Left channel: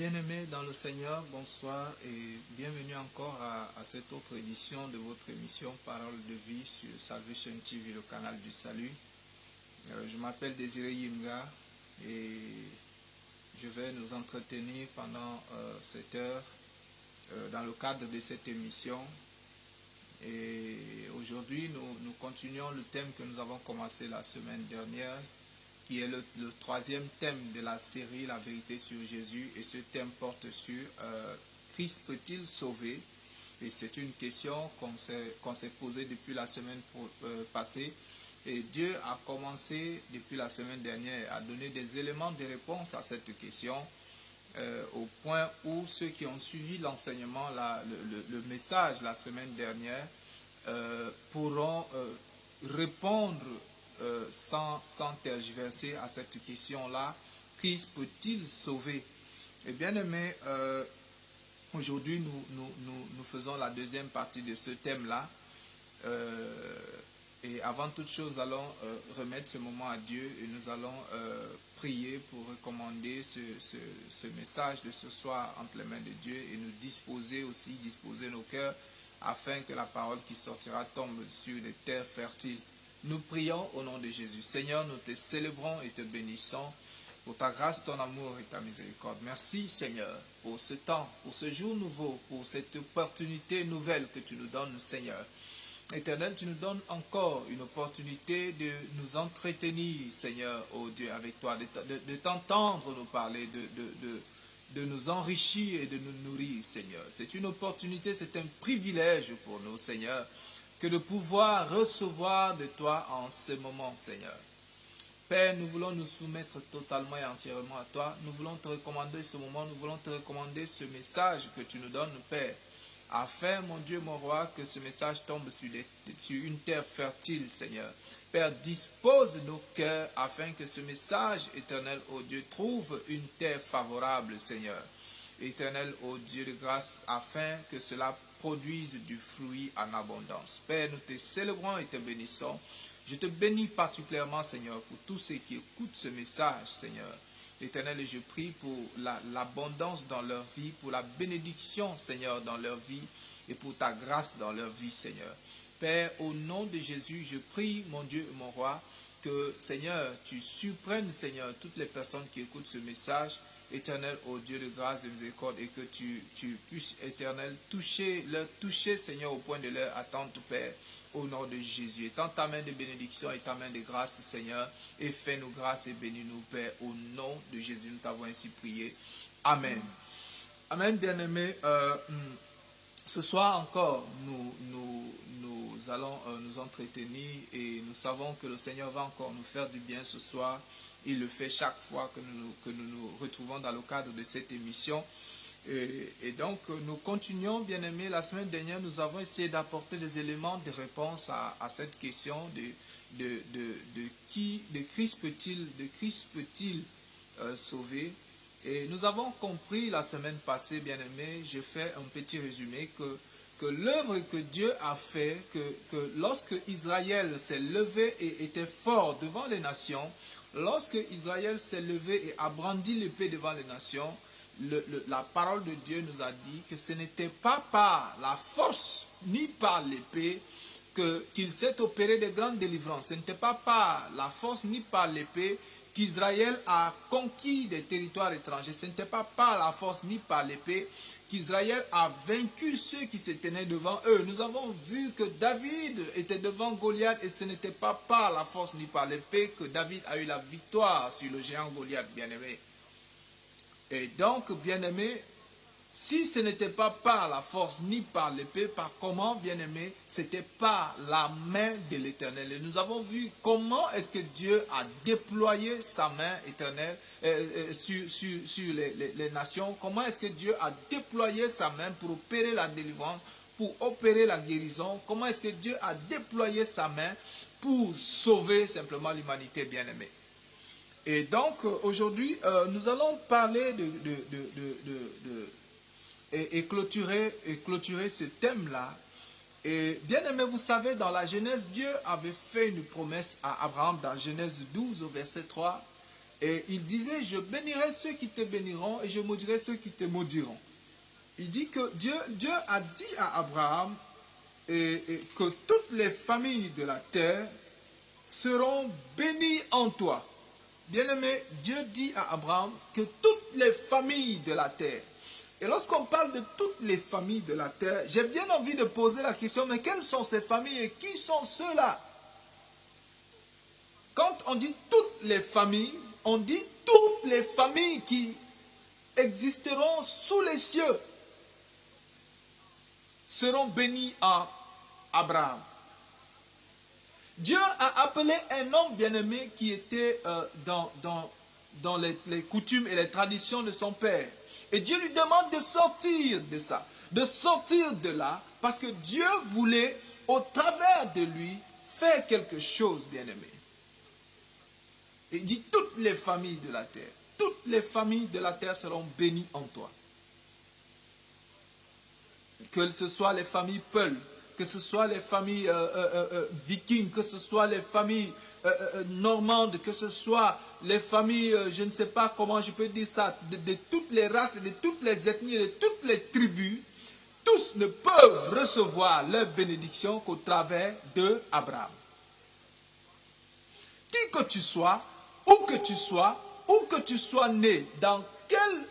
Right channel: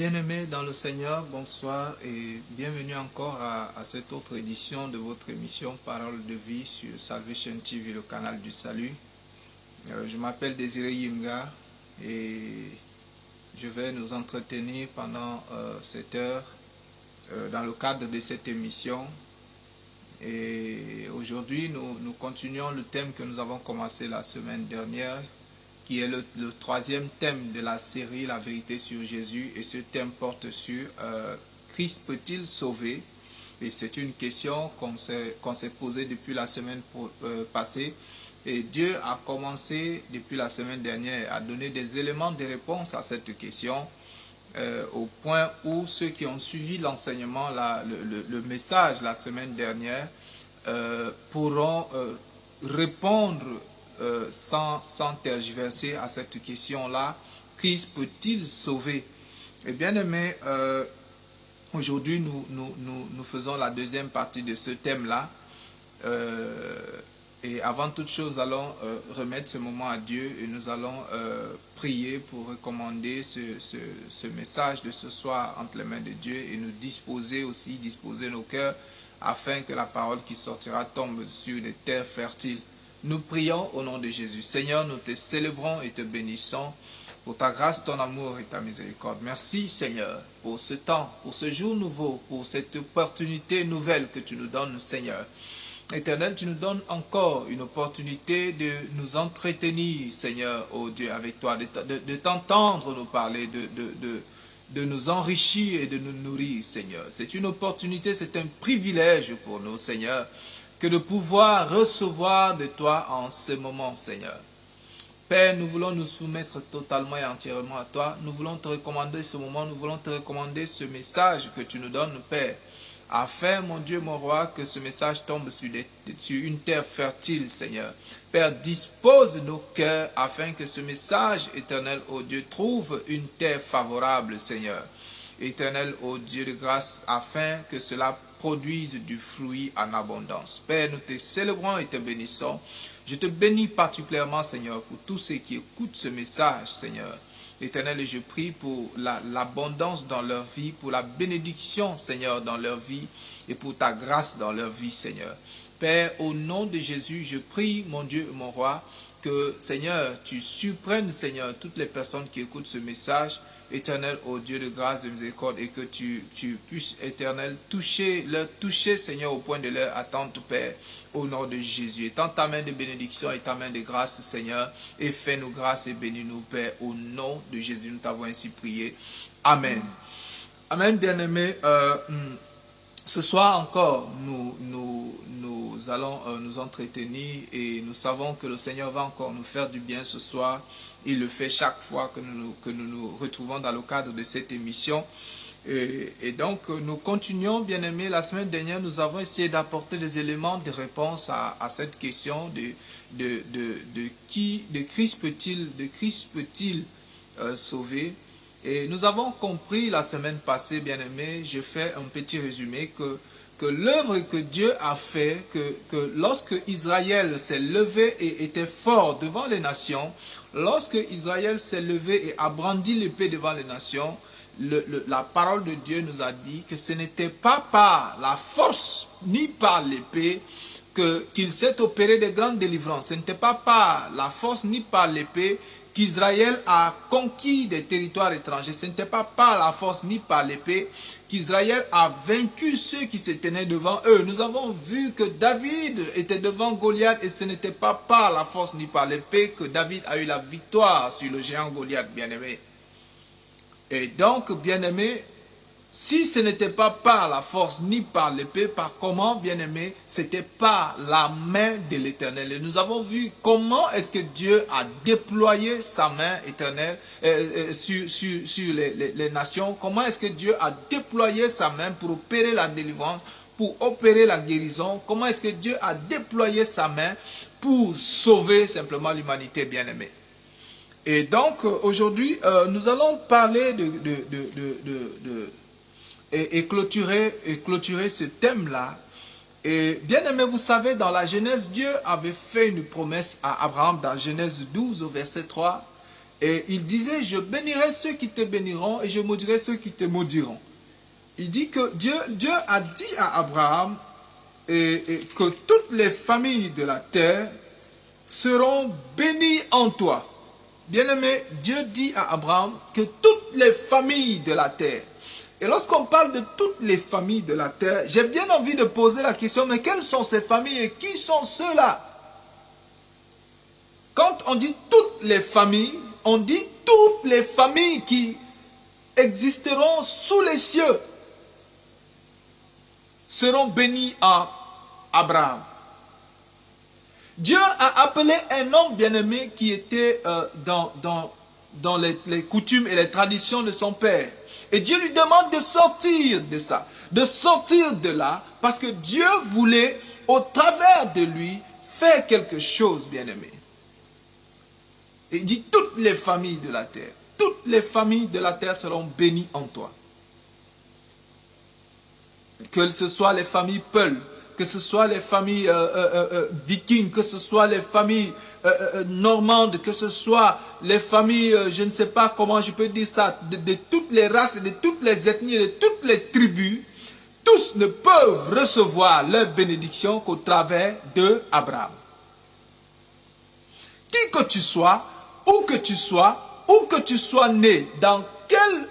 Bien-aimés dans le Seigneur, bonsoir et bienvenue encore à cette autre édition de votre émission Parole de vie sur Salvation TV, le canal du salut. Je m'appelle Désiré Yimga et je vais nous entretenir pendant cette heure dans le cadre de cette émission. Et aujourd'hui, nous continuons le thème que nous avons commencé la semaine dernière, qui est le troisième thème de la série La vérité sur Jésus. Et ce thème porte sur Christ peut-il sauver? Et c'est une question qu'on s'est posée depuis la semaine passée. Et Dieu a commencé depuis la semaine dernière à donner des éléments de réponse à cette question, au point où ceux qui ont suivi l'enseignement, le message la semaine dernière, pourront répondre sans tergiverser à cette question-là. Christ peut-il sauver? Et bien aimé, aujourd'hui nous faisons la deuxième partie de ce thème-là. Et avant toute chose, nous allons remettre ce moment à Dieu et nous allons prier pour recommander ce message de ce soir entre les mains de Dieu et nous disposer nos cœurs afin que la parole qui sortira tombe sur des terres fertiles. Nous prions au nom de Jésus. Seigneur, nous te célébrons et te bénissons pour ta grâce, ton amour et ta miséricorde. Merci Seigneur pour ce temps, pour ce jour nouveau, pour cette opportunité nouvelle que tu nous donnes, Seigneur. Éternel, tu nous donnes encore une opportunité de nous entretenir, Seigneur, oh Dieu, avec toi, de t'entendre nous parler, de nous enrichir et de nous nourrir, Seigneur. C'est une opportunité, c'est un privilège pour nous, Seigneur, que de pouvoir recevoir de toi en ce moment, Seigneur. Père, nous voulons nous soumettre totalement et entièrement à toi. Nous voulons te recommander ce moment, nous voulons te recommander ce message que tu nous donnes, Père, afin, mon Dieu, mon roi, que ce message tombe sur une terre fertile, Seigneur. Père, dispose nos cœurs afin que ce message, éternel, ô Dieu, trouve une terre favorable, Seigneur. Éternel, ô Dieu de grâce, afin que cela produise du fruit en abondance. Père, nous te célébrons et te bénissons. Je te bénis particulièrement, Seigneur, pour tous ceux qui écoutent ce message, Seigneur. Éternel, et je prie pour l'abondance dans leur vie, pour la bénédiction, Seigneur, dans leur vie, et pour ta grâce dans leur vie, Seigneur. Père, au nom de Jésus, je prie, mon Dieu et mon roi, que, Seigneur, tu surprennes, Seigneur, toutes les personnes qui écoutent ce message, Éternel, ô Dieu de grâce et de miséricorde, et que tu puisses, Éternel, leur toucher, Seigneur, au point de leur attente, Père, au nom de Jésus. Étends ta main de bénédiction et ta main de grâce, Seigneur, et fais-nous grâce et bénis-nous, Père, au nom de Jésus, nous t'avons ainsi prié. Amen. Amen, bien-aimés. Ce soir encore, nous allons nous entretenir et nous savons que le Seigneur va encore nous faire du bien ce soir. Il le fait chaque fois que nous retrouvons dans le cadre de cette émission. Et donc, nous continuons, bien-aimés. La semaine dernière, nous avons essayé d'apporter des éléments de réponse à cette question de Christ peut-il sauver. Et nous avons compris la semaine passée, bien-aimés, je fais un petit résumé, que l'œuvre que Dieu a fait, que lorsque Israël s'est levé et était fort devant les nations, lorsque Israël s'est levé et a brandi l'épée devant les nations, la parole de Dieu nous a dit que ce n'était pas par la force ni par l'épée qu'il s'est opéré de grandes délivrances. Ce n'était pas par la force ni par l'épée qu'Israël a conquis des territoires étrangers. Ce n'était pas par la force ni par l'épée qu'Israël a vaincu ceux qui se tenaient devant eux. Nous avons vu que David était devant Goliath et ce n'était pas par la force ni par l'épée que David a eu la victoire sur le géant Goliath, bien-aimé. Et donc, bien-aimé, si ce n'était pas par la force ni par l'épée, par comment, bien-aimé, c'était par la main de l'Éternel. Et nous avons vu comment est-ce que Dieu a déployé sa main éternelle sur les nations. Comment est-ce que Dieu a déployé sa main pour opérer la délivrance, pour opérer la guérison. Comment est-ce que Dieu a déployé sa main pour sauver simplement l'humanité, bien-aimée. Et donc, aujourd'hui, nous allons parler et clôturer ce thème-là. Et bien aimé, vous savez, dans la Genèse, Dieu avait fait une promesse à Abraham dans Genèse 12 au verset 3. Et il disait, je bénirai ceux qui te béniront et je maudirai ceux qui te maudiront. Il dit que Dieu a dit à Abraham que toutes les familles de la terre seront bénies en toi. Bien-aimé, Dieu dit à Abraham que toutes les familles de la terre. Et lorsqu'on parle de toutes les familles de la terre, j'ai bien envie de poser la question, mais quelles sont ces familles et qui sont ceux-là? Quand on dit toutes les familles, on dit toutes les familles qui existeront sous les cieux seront bénies en Abraham. Dieu a appelé un homme bien-aimé qui était dans les coutumes et les traditions de son père. Et Dieu lui demande de sortir de ça, de sortir de là, parce que Dieu voulait, au travers de lui, faire quelque chose, bien-aimé. Et il dit, toutes les familles de la terre seront bénies en toi. Que ce soit les familles Peul, que ce soit les familles vikings, que ce soit les familles normandes, que ce soit les familles, je ne sais pas comment je peux dire ça, de toutes les races, de toutes les ethnies, de toutes les tribus, tous ne peuvent recevoir leur bénédiction qu'au travers de Abraham. Qui que tu sois, où que tu sois né, dans quel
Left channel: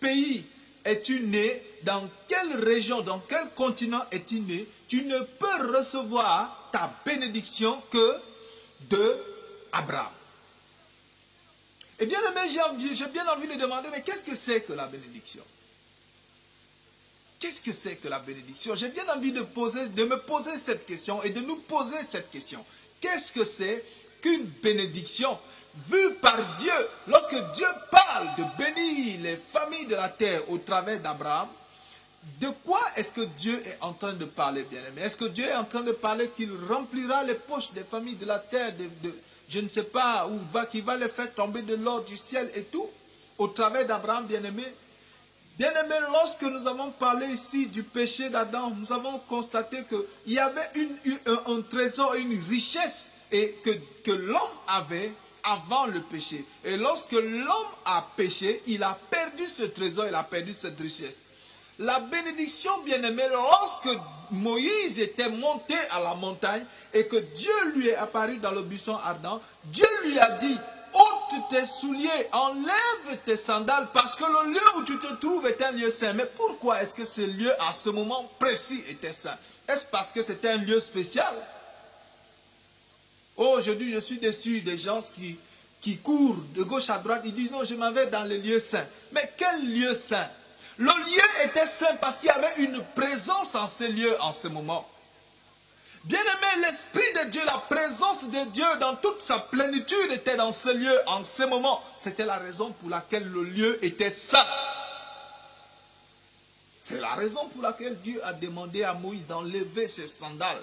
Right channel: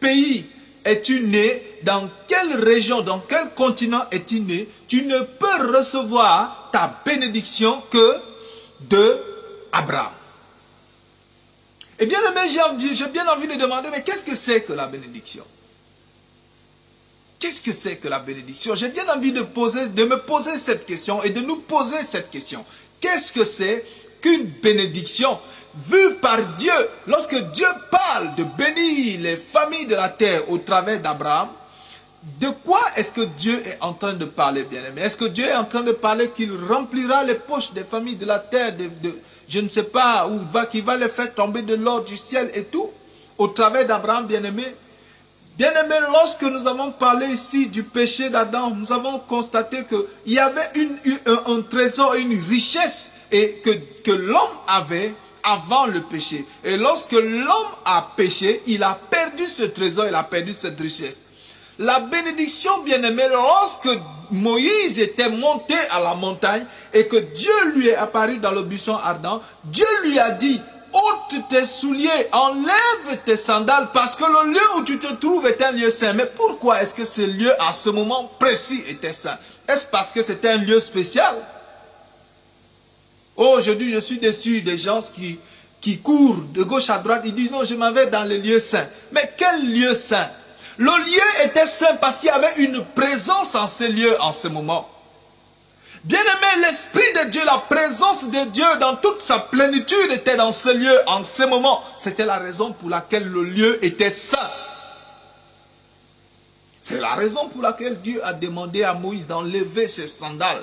pays es-tu né, dans quelle région, dans quel continent es-tu né, tu ne peux recevoir ta bénédiction que de Abraham. Et bien aimé, j'ai bien envie de demander, mais qu'est-ce que c'est que la bénédiction? Qu'est-ce que c'est que la bénédiction? J'ai bien envie de me poser cette question et de nous poser cette question. Qu'est-ce que c'est qu'une bénédiction vue par Dieu? Lorsque Dieu parle de bénir les familles de la terre au travers d'Abraham, de quoi est-ce que Dieu est en train de parler, bien-aimé? Est-ce que Dieu est en train de parler qu'il remplira les poches des familles de la terre, je ne sais pas, qu'il va les faire tomber de l'or du ciel et tout, au travers d'Abraham, bien-aimé? Bien-aimé, lorsque nous avons parlé ici du péché d'Adam, nous avons constaté qu'il y avait un trésor et une richesse et que l'homme avait avant le péché. Et lorsque l'homme a péché, il a perdu ce trésor, il a perdu cette richesse. La bénédiction, bien-aimé, lorsque Moïse était monté à la montagne et que Dieu lui est apparu dans le buisson ardent, Dieu lui a dit, ôte tes souliers, enlève tes sandales, parce que le lieu où tu te trouves est un lieu saint. Mais pourquoi est-ce que ce lieu, à ce moment précis, était saint? Est-ce parce que c'était un lieu spécial? Oh, aujourd'hui, je suis déçu des gens qui courent de gauche à droite. Ils disent, non, je m'en vais dans les lieux saints. Mais quel lieu saint? Le lieu était saint parce qu'il y avait une présence en ce lieu en ce moment. Bien-aimé, l'Esprit de Dieu, la présence de Dieu dans toute sa plénitude était dans ce lieu en ce moment. C'était la raison pour laquelle le lieu était saint. C'est la raison pour laquelle Dieu a demandé à Moïse d'enlever ses sandales.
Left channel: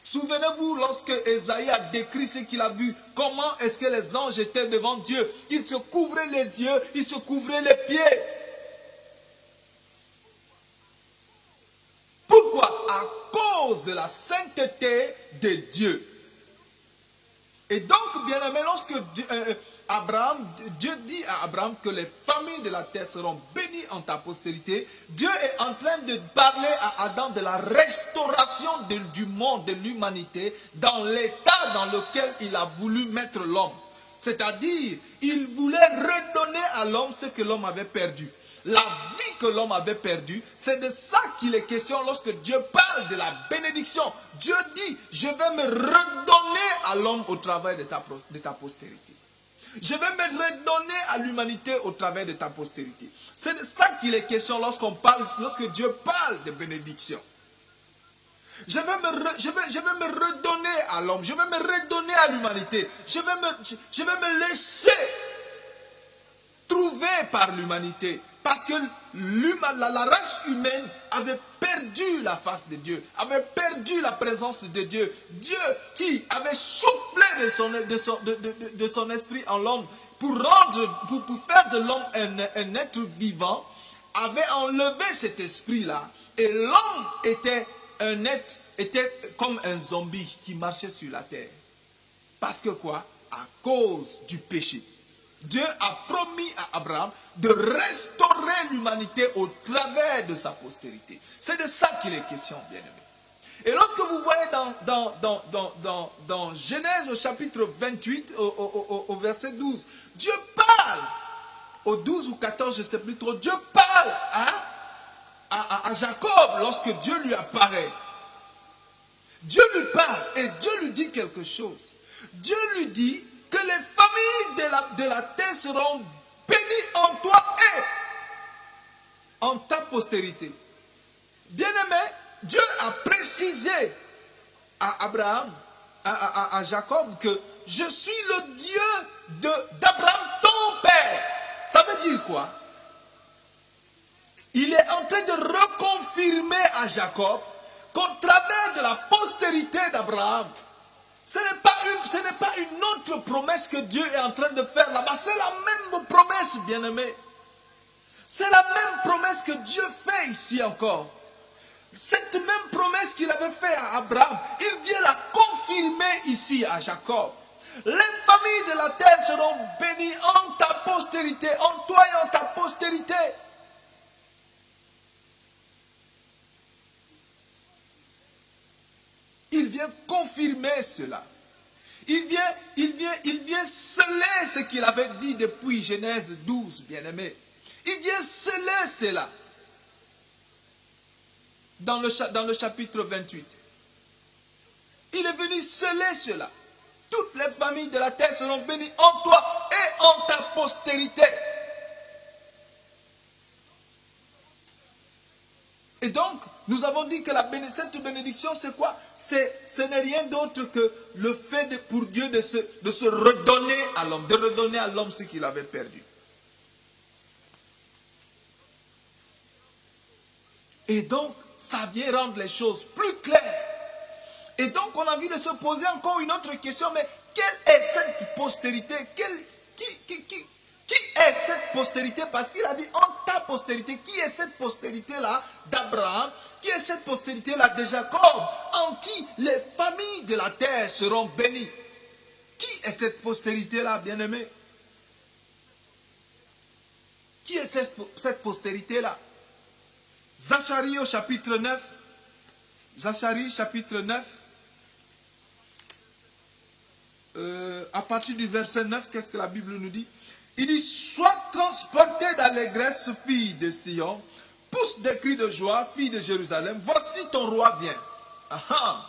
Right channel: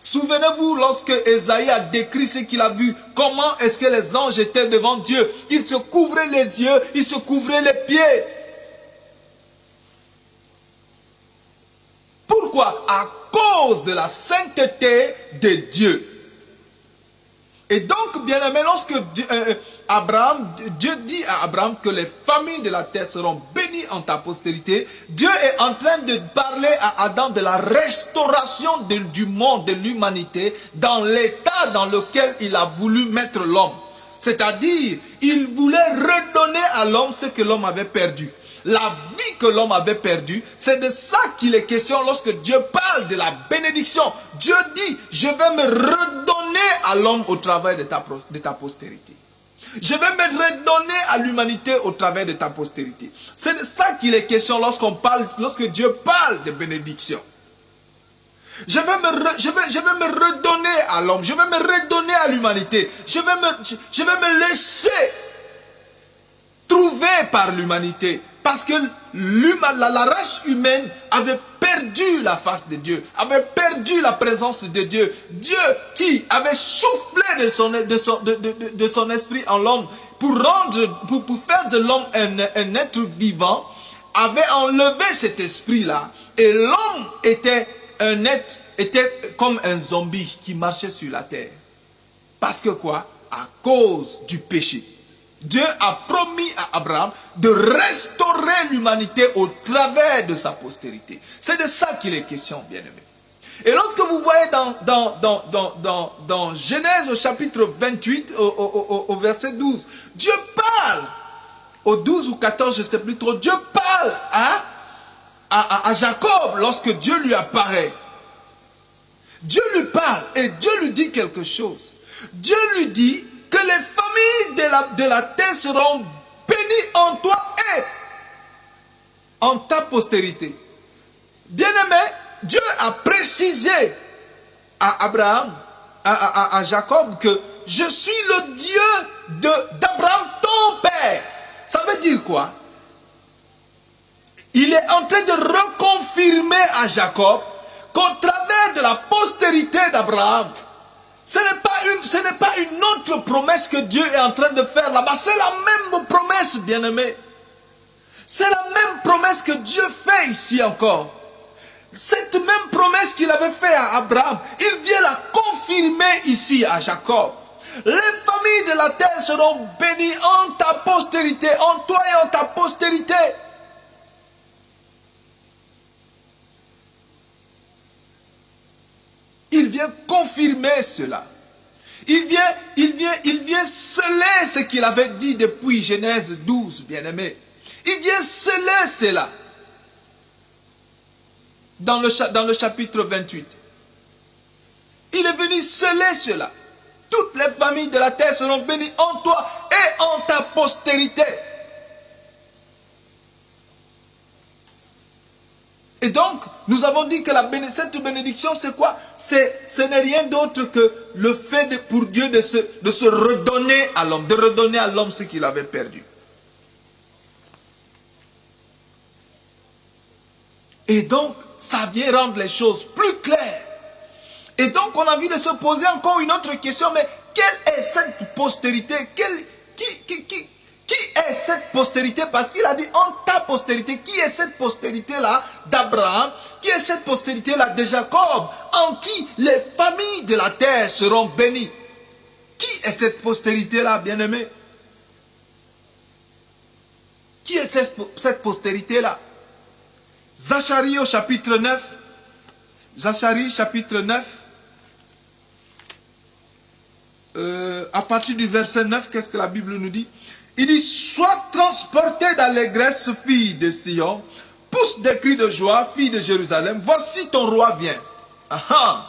Souvenez-vous, lorsque Ésaïe a décrit ce qu'il a vu, comment est-ce que les anges étaient devant Dieu, qu'ils se couvraient les yeux, ils se couvraient les pieds. Pourquoi? À cause de la sainteté de Dieu. Et donc, bien aimé, lorsque Dieu dit à Abraham que les familles de la terre seront bénies en ta postérité, Dieu est en train de parler à Adam de la restauration du monde, de l'humanité, dans l'état dans lequel il a voulu mettre l'homme. C'est-à-dire, il voulait redonner à l'homme ce que l'homme avait perdu. La vie que l'homme avait perdue, c'est de ça qu'il est question lorsque Dieu parle de la bénédiction. Dieu dit, je vais me redonner à l'homme au travers de ta postérité. Je vais me redonner à l'humanité au travers de ta postérité. C'est de ça qu'il est question lorsque Dieu parle de bénédiction. Je vais me redonner à l'homme, je vais me redonner à l'humanité. Je vais me laisser trouver par l'humanité. Parce que la race humaine avait perdu la face de Dieu, avait perdu la présence de Dieu. Dieu qui avait soufflé de son esprit en l'homme pour faire de l'homme un être vivant, avait enlevé cet esprit-là. Et l'homme était comme un zombie qui marchait sur la terre. Parce que quoi? À cause du péché. Dieu a promis à Abraham de restaurer l'humanité au travers de sa postérité. C'est de ça qu'il est question, bien-aimés. Et lorsque vous voyez dans Genèse au chapitre 28, au verset 12, Dieu parle, au 12 ou 14, je ne sais plus trop, Dieu parle à Jacob lorsque Dieu lui apparaît. Dieu lui parle et Dieu lui dit quelque chose. Dieu lui dit que les familles de la terre seront bénies en toi et en ta postérité. Bien-aimé, Dieu a précisé à Abraham, à Jacob, que je suis le Dieu d'Abraham, ton père. Ça veut dire quoi? Il est en train de reconfirmer à Jacob qu'au travers de la postérité d'Abraham, ce n'est pas une autre promesse que Dieu est en train de faire là-bas. C'est la même promesse, bien-aimé. C'est la même promesse que Dieu fait ici encore. Cette même promesse qu'il avait faite à Abraham, il vient la confirmer ici à Jacob. Les familles de la terre seront bénies en ta postérité, en toi et en ta postérité. Il vient confirmer cela. Il vient sceller ce qu'il avait dit depuis Genèse 12, bien-aimé. Il vient sceller cela. Dans le chapitre 28. Il est venu sceller cela. Toutes les familles de la terre seront bénies en toi et en ta postérité. Et donc, nous avons dit que cette bénédiction, c'est quoi? Ce n'est rien d'autre que le fait pour Dieu de se redonner à l'homme, de redonner à l'homme ce qu'il avait perdu. Et donc, ça vient rendre les choses plus claires. Et donc, on a envie de se poser encore une autre question, mais quelle est cette postérité? Qui est cette postérité? Parce qu'il a dit en ta postérité. Qui est cette postérité-là d'Abraham? Qui est cette postérité-là de Jacob? En qui les familles de la terre seront bénies? Qui est cette postérité-là, bien-aimé? Qui est cette postérité-là? Zacharie au chapitre 9. Zacharie chapitre 9. À partir du verset 9, qu'est-ce que la Bible nous dit? Il dit, sois transporté d'allégresse, fille de Sion, pousse des cris de joie, fille de Jérusalem, voici ton roi vient. Aha.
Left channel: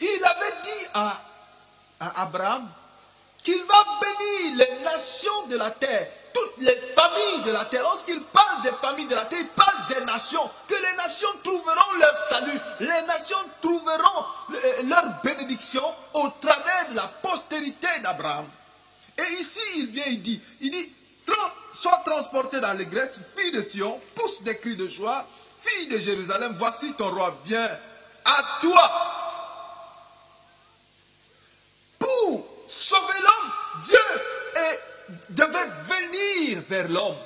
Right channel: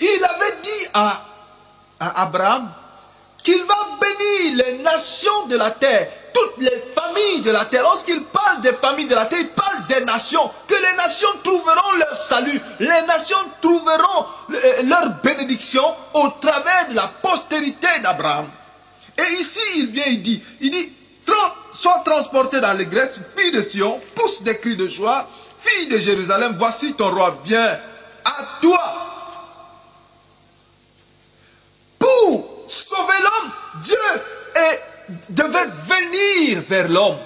Il avait dit à Abraham qu'il va bénir les nations de la terre, toutes les familles de la terre. Lorsqu'il parle des familles de la terre, il parle des nations, que les nations trouveront leur salut, les nations trouveront leur bénédiction au travers de la postérité d'Abraham. Et ici, il vient, il dit, sois transporté dans l'allégresse, fille de Sion, pousse des cris de joie, fille de Jérusalem, voici ton roi vient à toi. Pour sauver l'homme, Dieu devait venir vers l'homme.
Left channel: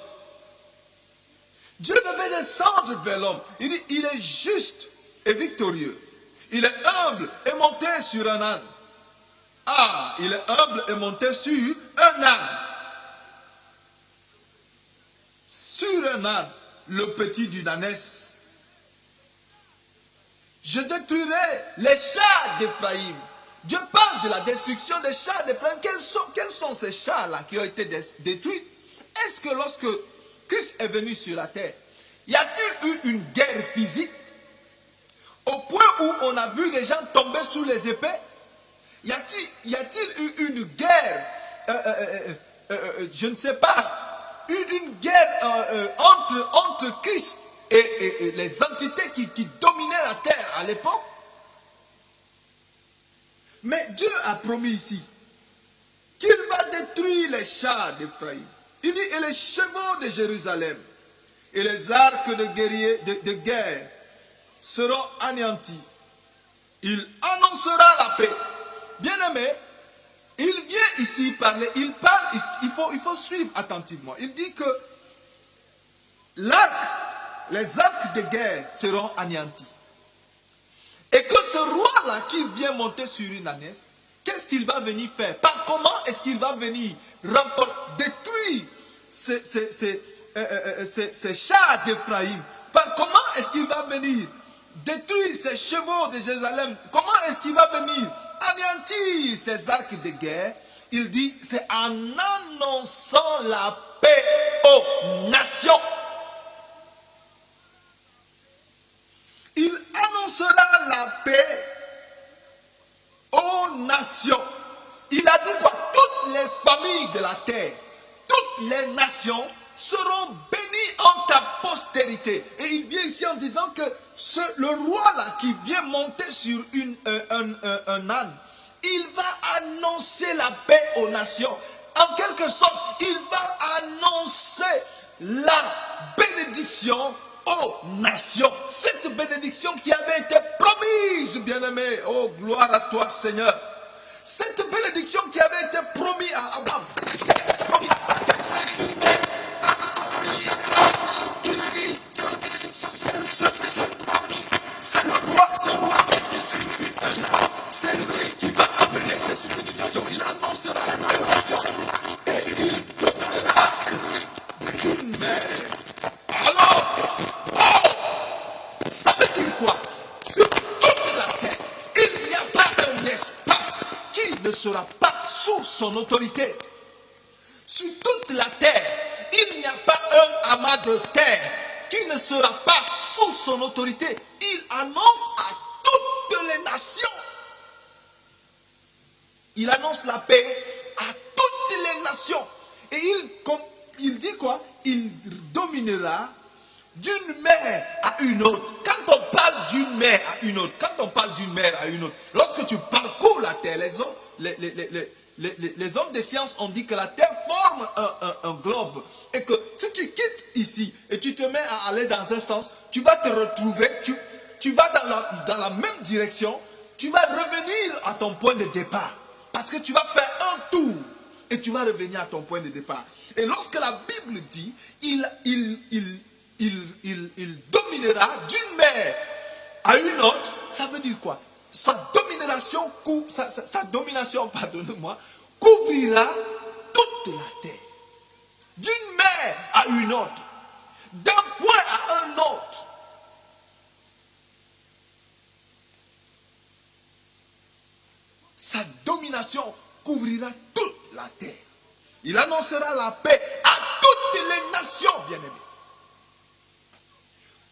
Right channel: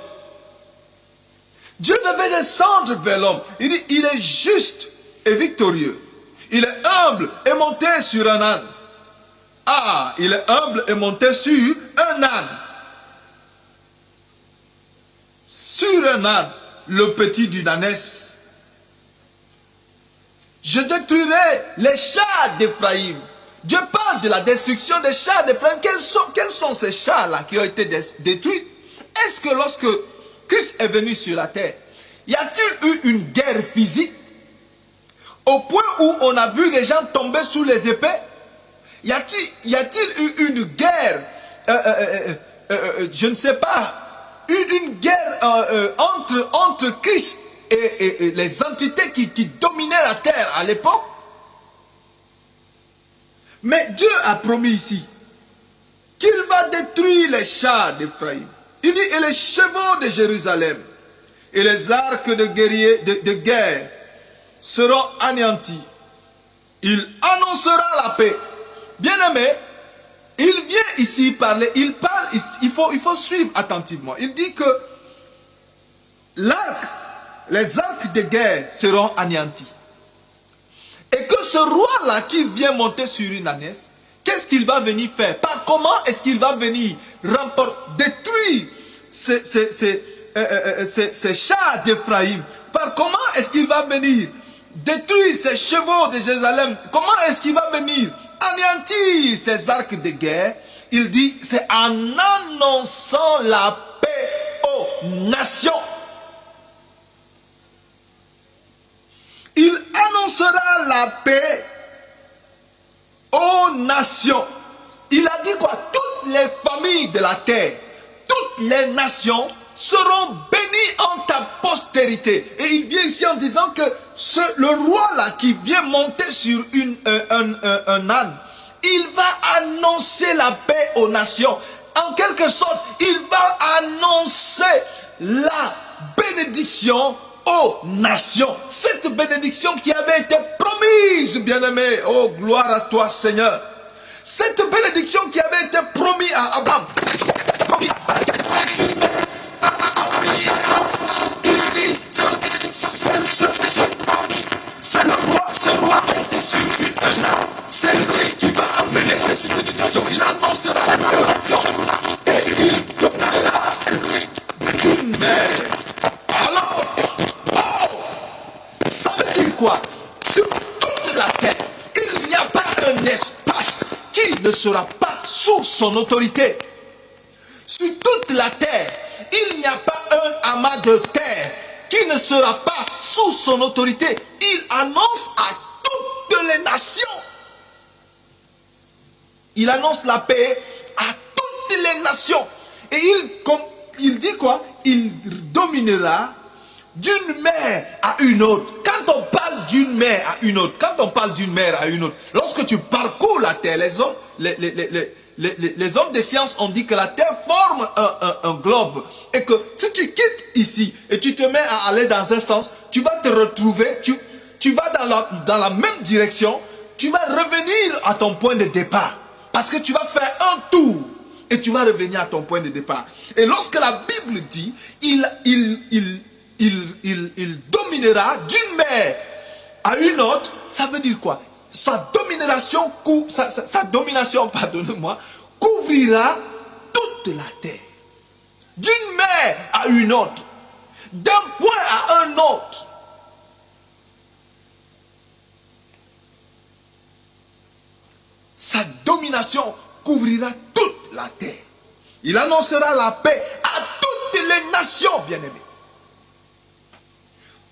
Dieu devait descendre vers l'homme. Il dit, il est juste et victorieux. Il est humble et monté sur un âne. Ah, il est humble et monté sur un âne. Sur un âne, le petit d'une ânesse. Je détruirai les chars d'Éphraïm. Dieu parle de la destruction des chars d'Éphraïm. Quels sont ces chars-là qui ont été détruits? Est-ce que lorsque Christ est venu sur la terre, y a-t-il eu une guerre physique? Au point où on a vu les gens tomber sous les épées? Y a-t-il eu une guerre, je ne sais pas, une guerre entre Christ et les entités qui dominaient la terre à l'époque? Mais Dieu a promis ici qu'il va détruire les chars d'Éphraïm. Il dit, et les chevaux de Jérusalem et les arcs de guerriers de guerre seront anéantis. Il annoncera la paix. Bien-aimé, il vient ici parler, il parle, il faut suivre attentivement. Il dit que les arcs de guerre seront anéantis. Et que ce roi-là qui vient monter sur une ânesse, qu'est-ce qu'il va venir faire? Par comment est-ce qu'il va venir détruire ces chars d'Éphraïm? Par comment est-ce qu'il va venir détruire ces chevaux de Jérusalem? Comment est-ce qu'il va venir anéantir ces arcs de guerre? Il dit, c'est en annonçant la paix aux nations. Il annoncera la paix aux nations. Il a dit quoi? Toutes les familles de la terre, toutes les nations seront bénies en ta postérité. Et il vient ici en disant que le roi là qui vient monter sur un âne, il va annoncer la paix aux nations. En quelque sorte, il va annoncer la bénédiction aux nations. Cette bénédiction qui avait été promise, bien-aimé, oh gloire à toi Seigneur. Cette bénédiction qui avait été promise à Abraham. C'est le roi, c'est lui qui va amener cette bénédiction. Il annonce cette bénédiction et il donnera une mère. Alors, ça veut dire quoi? Sur toute la terre, il n'y a pas un espace qui ne sera pas sous son autorité. Sur toute la terre, il n'y a pas un amas de terre qui ne sera pas sous son autorité. Il annonce à toutes les nations. Il annonce la paix à toutes les nations. Et il dit quoi? Il dominera d'une mer à une autre. Quand on parle d'une mer à une autre, lorsque tu parcours la terre, les hommes des sciences ont dit que la terre forme un globe. Et que si tu quittes ici et tu te mets à aller dans un sens, tu vas te retrouver, tu vas dans la même direction, tu vas revenir à ton point de départ. Parce que tu vas faire un tour et tu vas revenir à ton point de départ. Et lorsque la Bible dit, il dominera d'une mer à une autre, ça veut dire quoi? Sa domination, pardonnez-moi, couvrira toute la terre. D'une mer à une autre. D'un point à un autre. Sa domination couvrira toute la terre. Il annoncera la paix à toutes les nations, bien-aimés.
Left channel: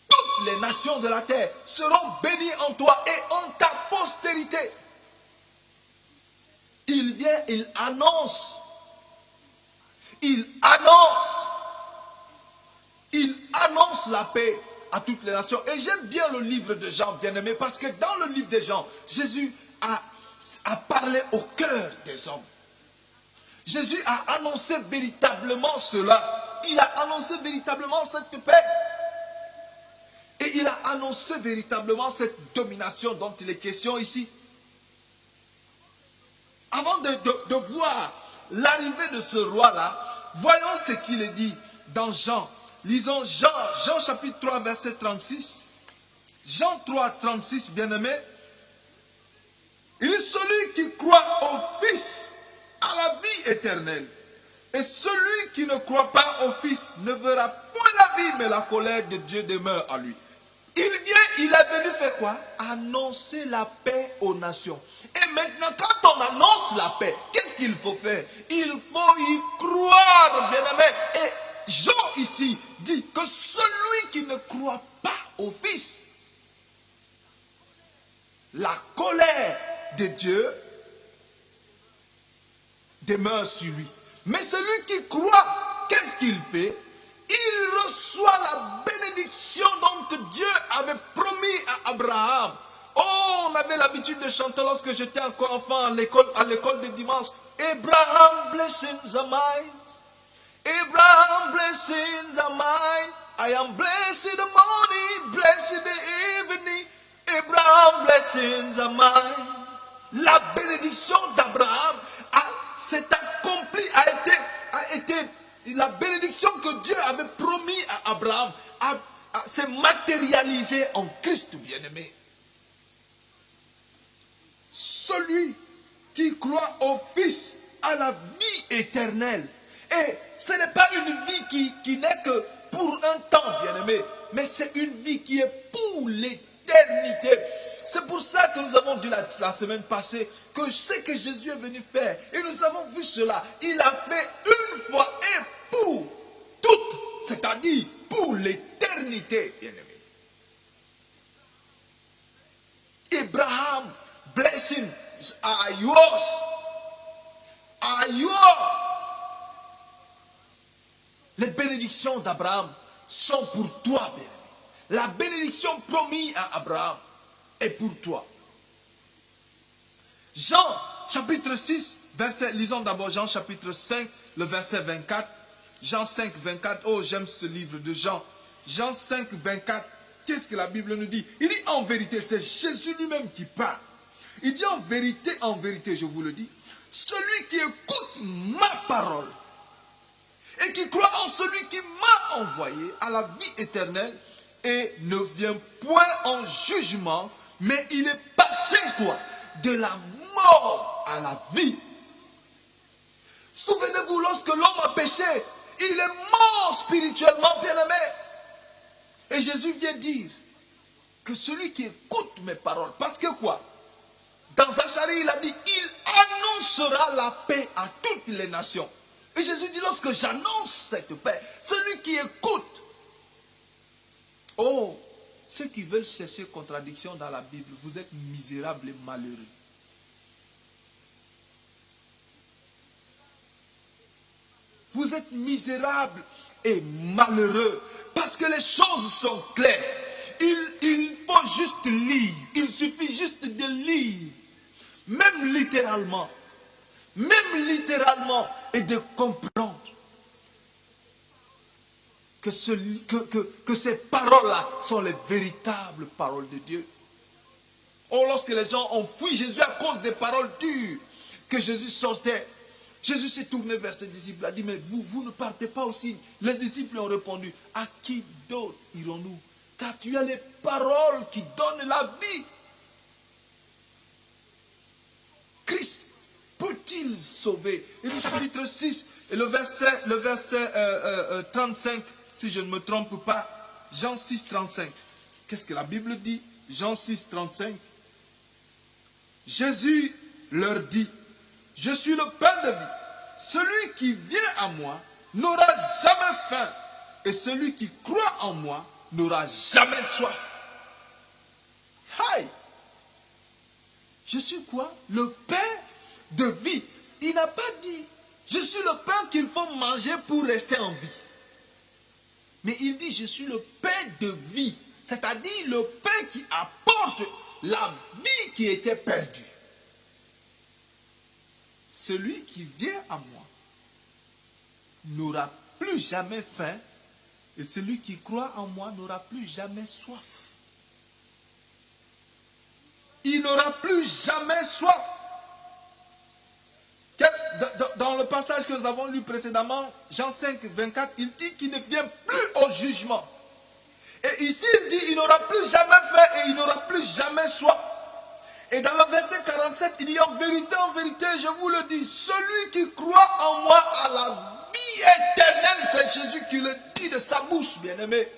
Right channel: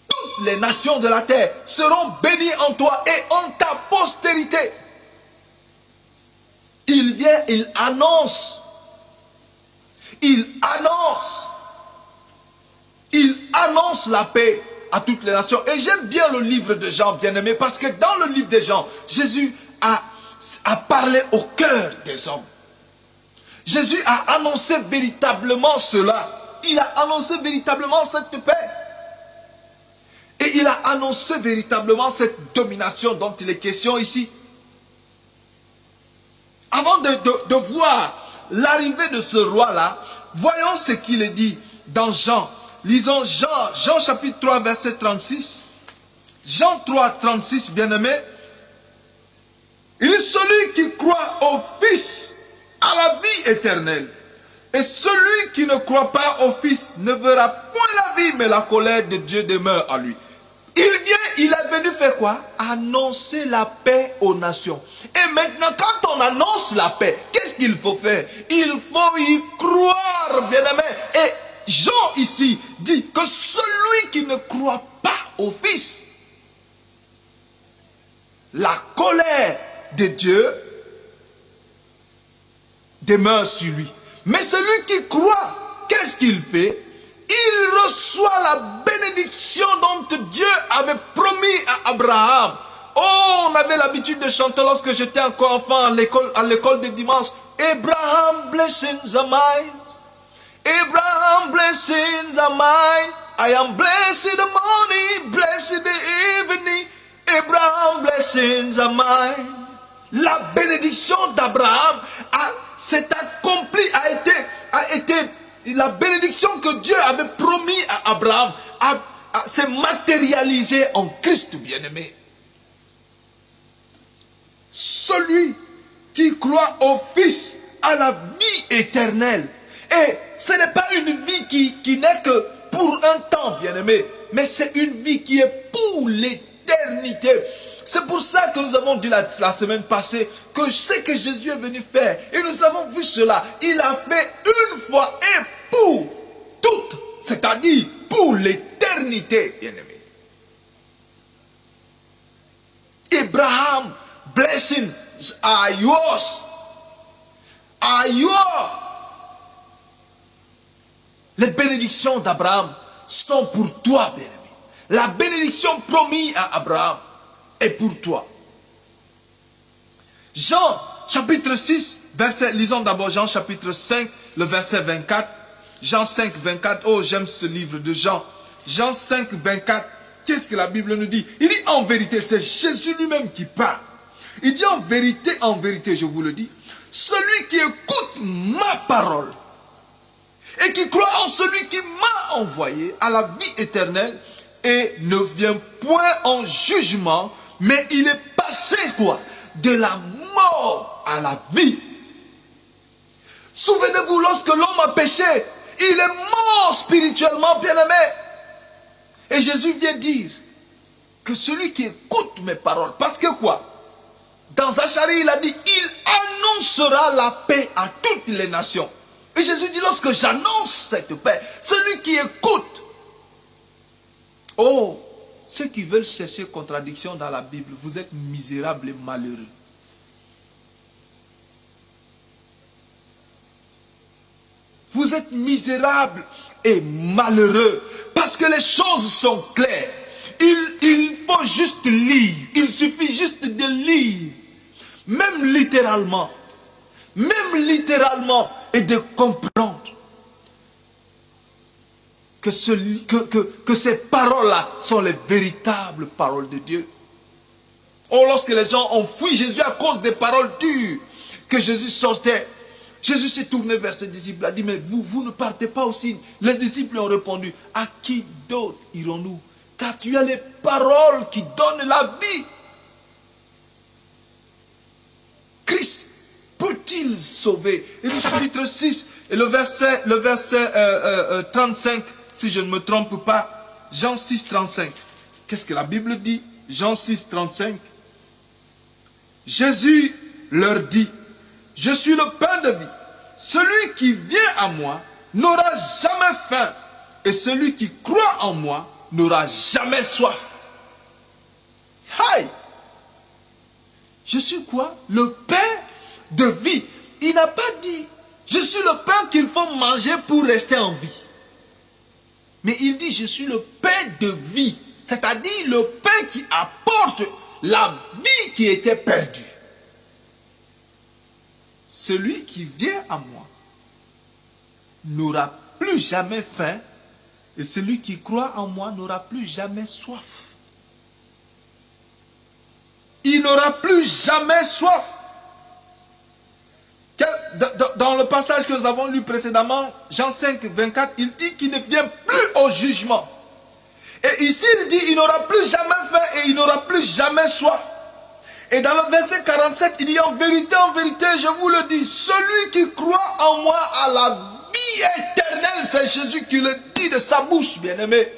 Toutes les nations de la terre seront bénies en toi et en ta postérité. Il vient, il annonce la paix à toutes les nations. Et j'aime bien le livre de Jean, bien-aimé, parce que dans le livre de Jean, Jésus a parlé au cœur des hommes. Jésus a annoncé véritablement cela. Il a annoncé véritablement cette paix. Et il a annoncé véritablement cette domination dont il est question ici. Avant de voir l'arrivée de ce roi-là, voyons ce qu'il est dit dans Jean. Lisons Jean chapitre 3, verset 36. Jean 3, 36, bien-aimé. Il est celui qui croit au Fils à la vie éternelle. Et celui qui ne croit pas au Fils ne verra point la vie, mais la colère de Dieu demeure à lui. Il est venu faire quoi? Annoncer la paix aux nations. Et maintenant, quand on annonce la paix, qu'est-ce qu'il faut faire? Il faut y croire, bien-aimé. Et Jean ici dit que celui qui ne croit pas au Fils, la colère de Dieu demeure sur lui. Mais celui qui croit, qu'est-ce qu'il fait? Il reçoit la bénédiction dont Dieu avait promis à Abraham. Oh, on avait l'habitude de chanter lorsque j'étais encore enfant à l'école de dimanche. Abraham, blessings are mine. Abraham, blessings are mine. I am blessed in the morning, blessed in the evening. Abraham, blessings are mine. La bénédiction d'Abraham s'est accomplie, a été la bénédiction que Dieu avait promis à Abraham s'est matérialisée en Christ, bien-aimé. Celui qui croit au Fils a la vie éternelle. Et ce n'est pas une vie qui n'est que pour un temps, bien-aimé, mais c'est une vie qui est pour l'éternité. C'est pour ça que nous avons dit la semaine passée que ce que Jésus est venu faire, et nous avons vu cela, il a fait une fois et pour toutes, c'est-à-dire pour l'éternité, bien-aimé. Abraham, blessings are yours. Are yours. Les bénédictions d'Abraham sont pour toi, bien-aimé. La bénédiction promise à Abraham est pour toi. Jean, chapitre 6, verset, lisons d'abord Jean, chapitre 5, le verset 24. Jean 5, 24. Oh, j'aime ce livre de Jean. Jean 5, 24. Qu'est-ce que la Bible nous dit? Il dit en vérité, c'est Jésus lui-même qui parle. Il dit en vérité, je vous le dis, celui qui écoute ma parole et qui croit en celui qui m'a envoyé à la vie éternelle et ne vient point en jugement, mais il est passé quoi? De la mort à la vie. Souvenez-vous, lorsque l'homme a péché, il est mort spirituellement, bien-aimé. Et Jésus vient dire que celui qui écoute mes paroles, parce que quoi? Dans Zacharie, il a dit, il annoncera la paix à toutes les nations. Et Jésus dit, lorsque j'annonce cette paix, celui qui écoute. Oh, ceux qui veulent chercher contradiction dans la Bible, vous êtes misérables et malheureux. Vous êtes misérables et malheureux parce que les choses sont claires. Il faut juste lire. Il suffit juste de lire. Même littéralement, et de comprendre que ces paroles-là sont les véritables paroles de Dieu. Oh, lorsque les gens ont fui Jésus à cause des paroles dures que Jésus sortait, Jésus s'est tourné vers ses disciples et a dit, mais vous ne partez pas aussi. Les disciples ont répondu, à qui d'autre irons-nous? Car tu as les paroles qui donnent la vie. Christ peut-il sauver? Et le chapitre 6 et le verset 35, si je ne me trompe pas, Jean 6, 35. Qu'est-ce que la Bible dit? Jean 6, 35. Jésus leur dit, je suis le pain de vie. Celui qui vient à moi n'aura jamais faim. Et celui qui croit en moi n'aura jamais soif. Aïe! Je suis quoi? Le pain de vie. Il n'a pas dit, je suis le pain qu'il faut manger pour rester en vie. Mais il dit, je suis le pain de vie. C'est-à-dire le pain qui apporte la vie qui était perdue. Celui qui vient à moi n'aura plus jamais faim. Et celui qui croit en moi n'aura plus jamais soif. Il n'aura plus jamais soif. Dans le passage que nous avons lu précédemment, Jean 5, 24, il dit qu'il ne vient plus au jugement. Et ici, il dit il n'aura plus jamais faim et il n'aura plus jamais soif. Et dans le verset 47, il dit en vérité, je vous le dis, celui qui croit en moi a la vie éternelle. C'est Jésus qui le dit de sa bouche, bien-aimé.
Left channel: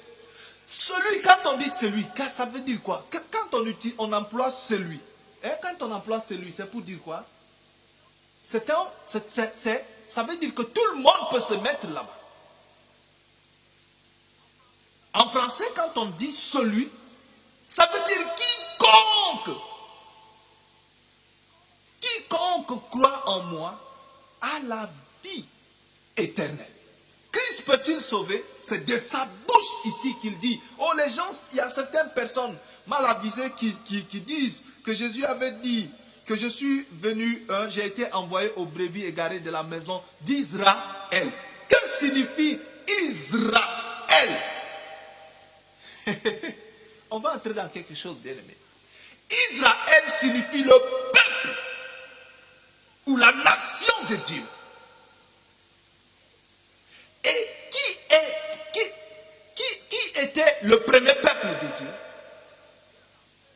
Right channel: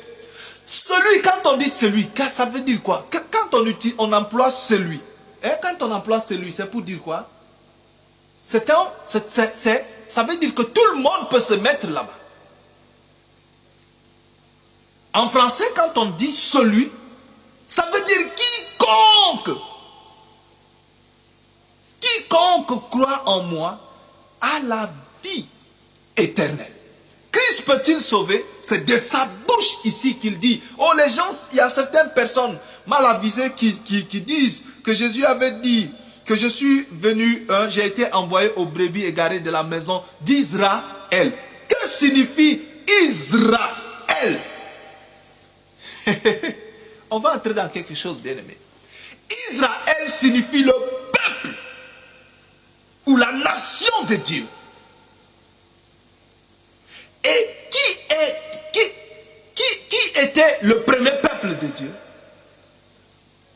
Celui, quand on dit celui, ça veut dire quoi? Quand on emploie celui, quand on emploie celui, c'est pour dire quoi? Ça veut dire que tout le monde peut se mettre là-bas. En français, quand on dit celui, ça veut dire quiconque. Quiconque croit en moi a la vie éternelle. Christ peut-il sauver? C'est de sa bouche ici qu'il dit. Oh, les gens, il y a certaines personnes mal avisées qui disent que Jésus avait dit que je suis venu, j'ai été envoyé aux brebis égarées de la maison d'Israël. Que signifie Israël? On va entrer dans quelque chose, bien aimé. Israël signifie le peuple ou la nation de Dieu. Et qui était le premier peuple de Dieu?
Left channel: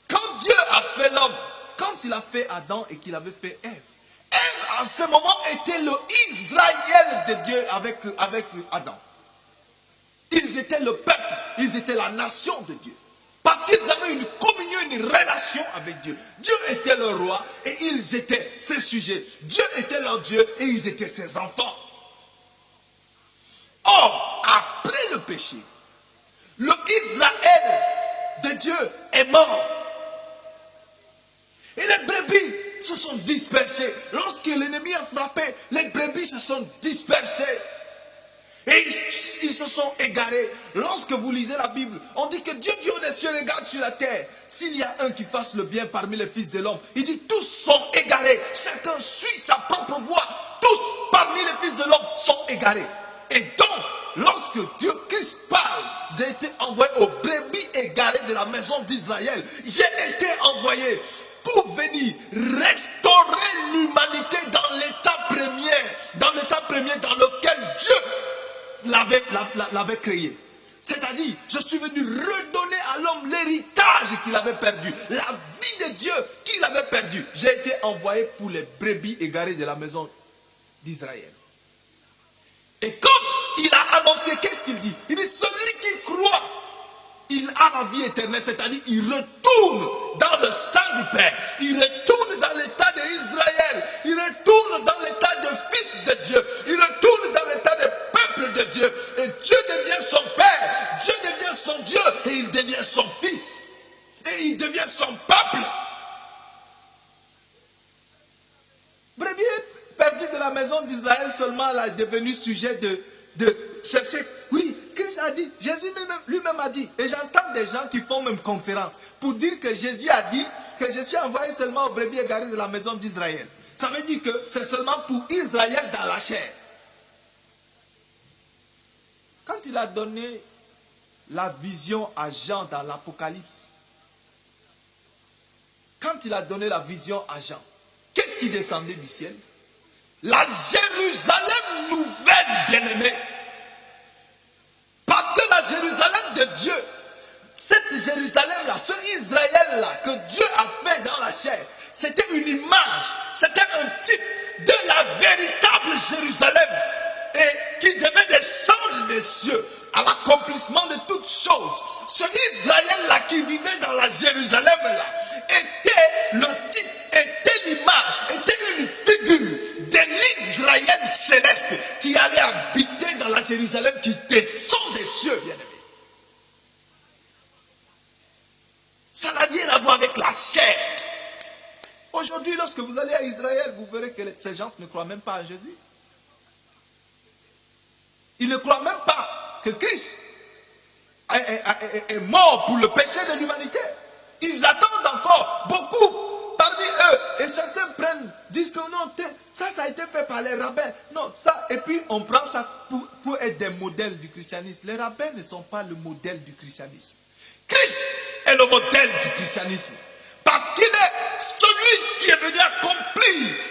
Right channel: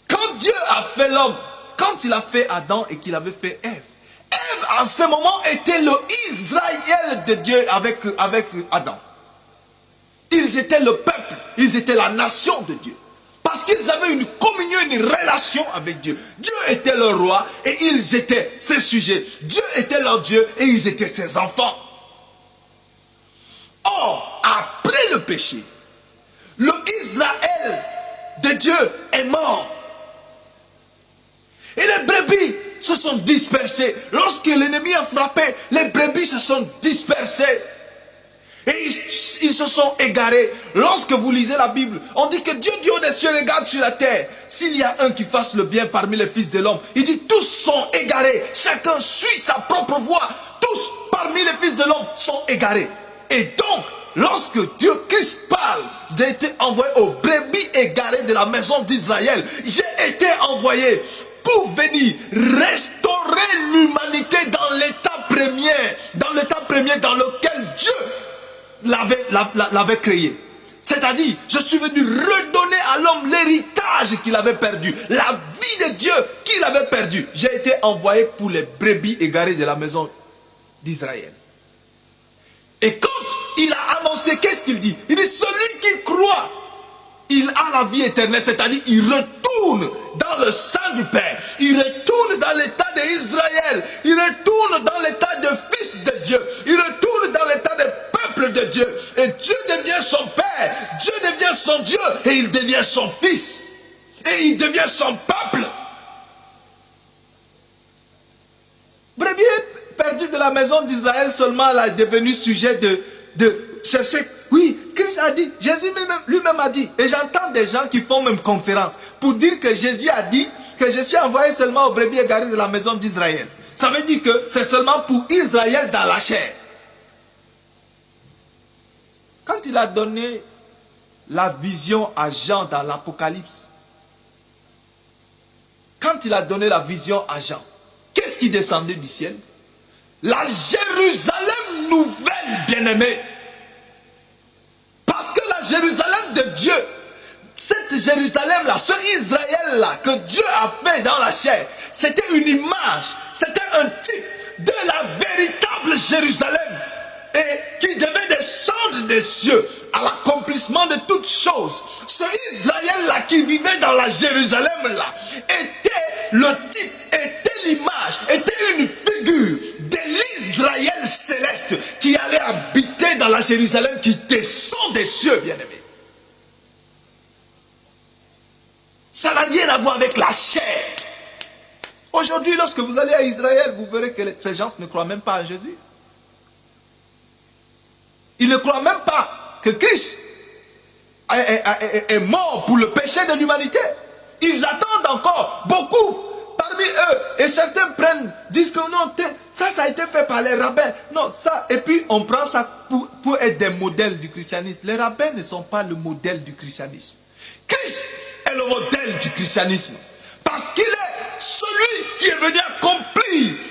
Quand Dieu a fait l'homme, quand il a fait Adam et qu'il avait fait Ève, en ce moment, était le Israël de Dieu avec Adam. Ils étaient le peuple, ils étaient la nation de Dieu. Parce qu'ils avaient une communion, une relation avec Dieu. Dieu était leur roi et ils étaient ses sujets. Dieu était leur Dieu et ils étaient ses enfants. Or, après le péché, le Israël de Dieu est mort. Et les brebis se sont dispersées. Lorsque l'ennemi a frappé, les brebis se sont dispersées. Et ils se sont égarés. Lorsque vous lisez la Bible, on dit que Dieu du haut des cieux regarde sur la terre. S'il y a un qui fasse le bien parmi les fils de l'homme, il dit tous sont égarés. Chacun suit sa propre voie. Tous parmi les fils de l'homme sont égarés. Et donc, lorsque Dieu Christ parle, j'ai été envoyé aux brebis égarées de la maison d'Israël. J'ai été envoyé pour venir restaurer l'humanité dans l'état premier dans lequel Dieu l'avait créé. C'est-à-dire, je suis venu redonner à l'homme l'héritage qu'il avait perdu, la vie de Dieu qu'il avait perdue. J'ai été envoyé pour les brebis égarées de la maison d'Israël. Et quand il a annoncé, qu'est-ce qu'il dit? Il dit, celui qui croit, il a la vie éternelle, c'est-à-dire il retourne dans le sein du Père. Il retourne dans l'état d'Israël. Il retourne dans l'état de fils de Dieu. Il retourne dans l'état de peuple de Dieu. Et Dieu devient son Père. Dieu devient son Dieu. Et il devient son fils. Et il devient son peuple. Brebis perdu de la maison d'Israël seulement, elle est devenue sujet de chercher. Oui, Christ a dit, Jésus lui-même a dit, et j'entends des gens qui font même conférence pour dire que Jésus a dit que je suis envoyé seulement aux brebis égarées de la maison d'Israël. Ça veut dire que c'est seulement pour Israël dans la chair. Quand il a donné la vision à Jean dans l'Apocalypse, quand il a donné la vision à Jean, qu'est-ce qui descendait du ciel? La Jérusalem nouvelle, bien-aimée. Parce que la Jérusalem de Dieu, cette Jérusalem-là, ce Israël-là que Dieu a fait dans la chair, c'était une image, c'était un type de la véritable Jérusalem et qui devait descendre des cieux à l'accomplissement de toutes choses. Ce Israël-là qui vivait dans la Jérusalem-là était le type, était l'image, était une figure de l'Israël céleste qui allait habiter dans la Jérusalem qui descend des cieux, bien-aimés. Ça n'a rien à voir avec la chair. Aujourd'hui, lorsque vous allez à Israël, vous verrez que ces gens ne croient même pas à Jésus. Ils ne croient même pas que Christ est mort pour le péché de l'humanité. Ils attendent encore beaucoup parmi eux. Et certains disent que non, ça a été fait par les rabbins. Non, ça, et puis on prend ça pour être des modèles du christianisme. Les rabbins ne sont pas le modèle du christianisme. Christ est le modèle du christianisme. Parce qu'il est celui qui est venu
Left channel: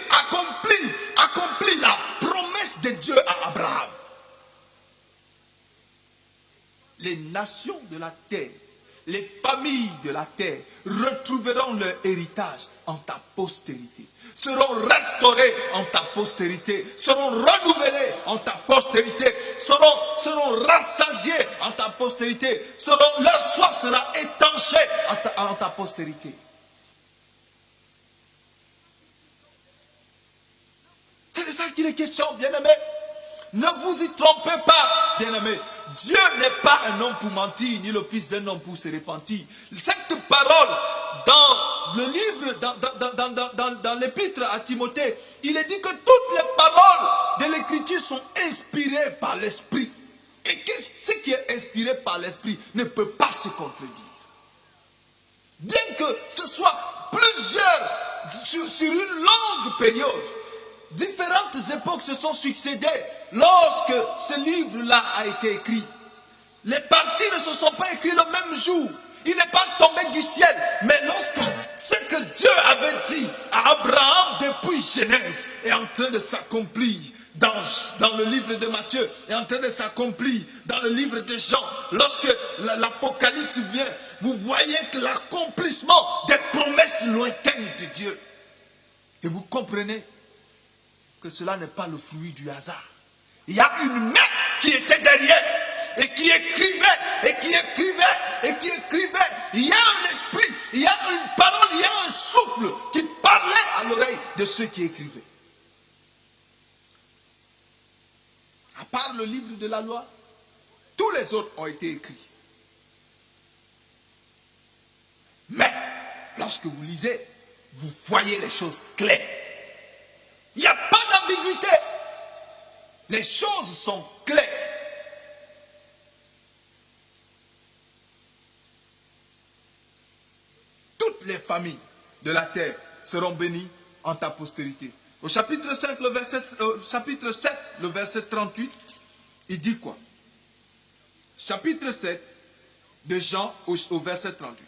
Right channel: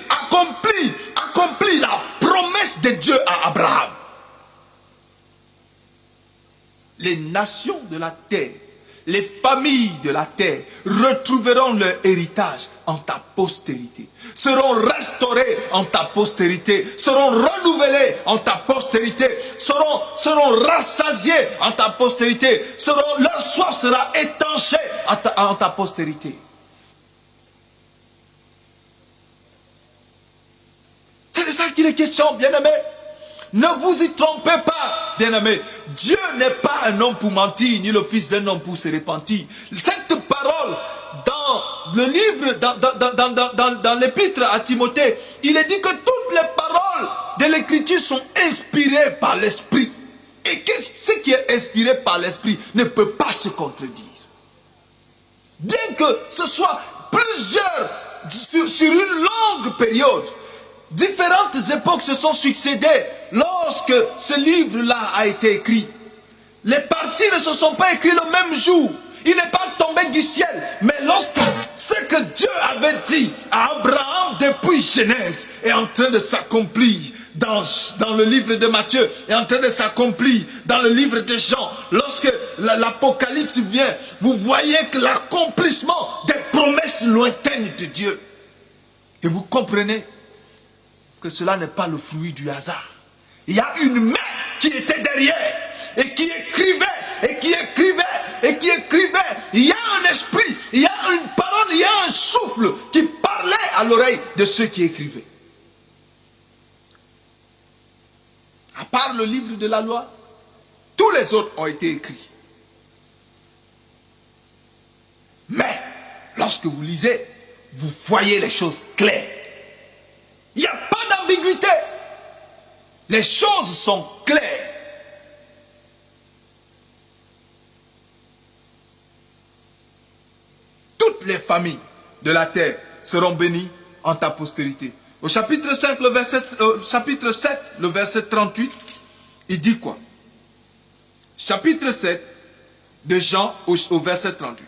accomplir la promesse de Dieu à Abraham. Les nations de la terre, les familles de la terre retrouveront leur héritage en ta postérité, seront restaurées en ta postérité, seront renouvelées en ta postérité, seront rassasiées en ta postérité, leur soif sera étanchée en ta postérité. C'est de ça qu'il est question, bien-aimés. Ne vous y trompez pas, bien-aimés. Dieu n'est pas un homme pour mentir, ni le fils d'un homme pour se repentir. Cette parole, dans le livre, dans l'épître à Timothée, il est dit que toutes les paroles de l'écriture sont inspirées par l'esprit. Et ce qui est inspiré par l'esprit ne peut pas se contredire. Bien que ce soit sur une longue période, différentes époques se sont succédées lorsque ce livre-là a été écrit. Les parties ne se sont pas écrites le même jour. Il n'est pas tombé du ciel. Mais lorsque ce que Dieu avait dit à Abraham depuis Genèse est en train de s'accomplir dans le livre de Matthieu, est en train de s'accomplir dans le livre de Jean. Lorsque l'Apocalypse vient, vous voyez que l'accomplissement des promesses lointaines de Dieu. Et vous comprenez que cela n'est pas le fruit du hasard. Il y a une main qui était derrière et qui écrivait, et qui écrivait, et qui écrivait. Il y a un esprit, il y a une parole, il y a un souffle qui parlait à l'oreille de ceux qui écrivaient. À part le livre de la loi, tous les autres ont été écrits. Mais, lorsque vous lisez, vous voyez les choses claires. Il n'y a pas d'ambiguïté. Les choses sont claires. Toutes les familles de la terre seront bénies en ta postérité. Au chapitre 7, le verset 38, il dit quoi? Chapitre 7 de Jean au verset 38.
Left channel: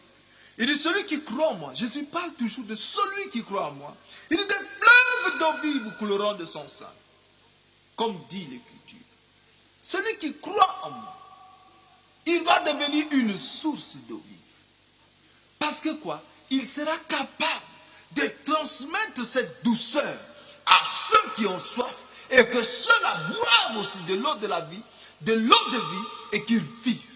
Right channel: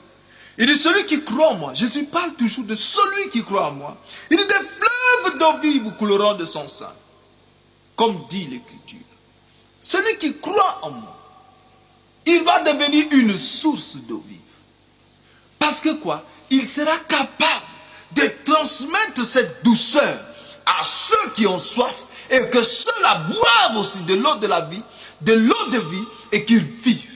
Il dit, celui qui croit en moi, Jésus parle toujours de celui qui croit en moi. Il dit, des fleuves d'eau vive couleront de son sein. Comme dit l'Écriture. Celui qui croit en moi, il va devenir une source d'eau vive. Parce que quoi? Il sera capable de transmettre cette douceur à ceux qui ont soif et que ceux-là boivent aussi de l'eau de la vie, de l'eau de vie et qu'ils vivent.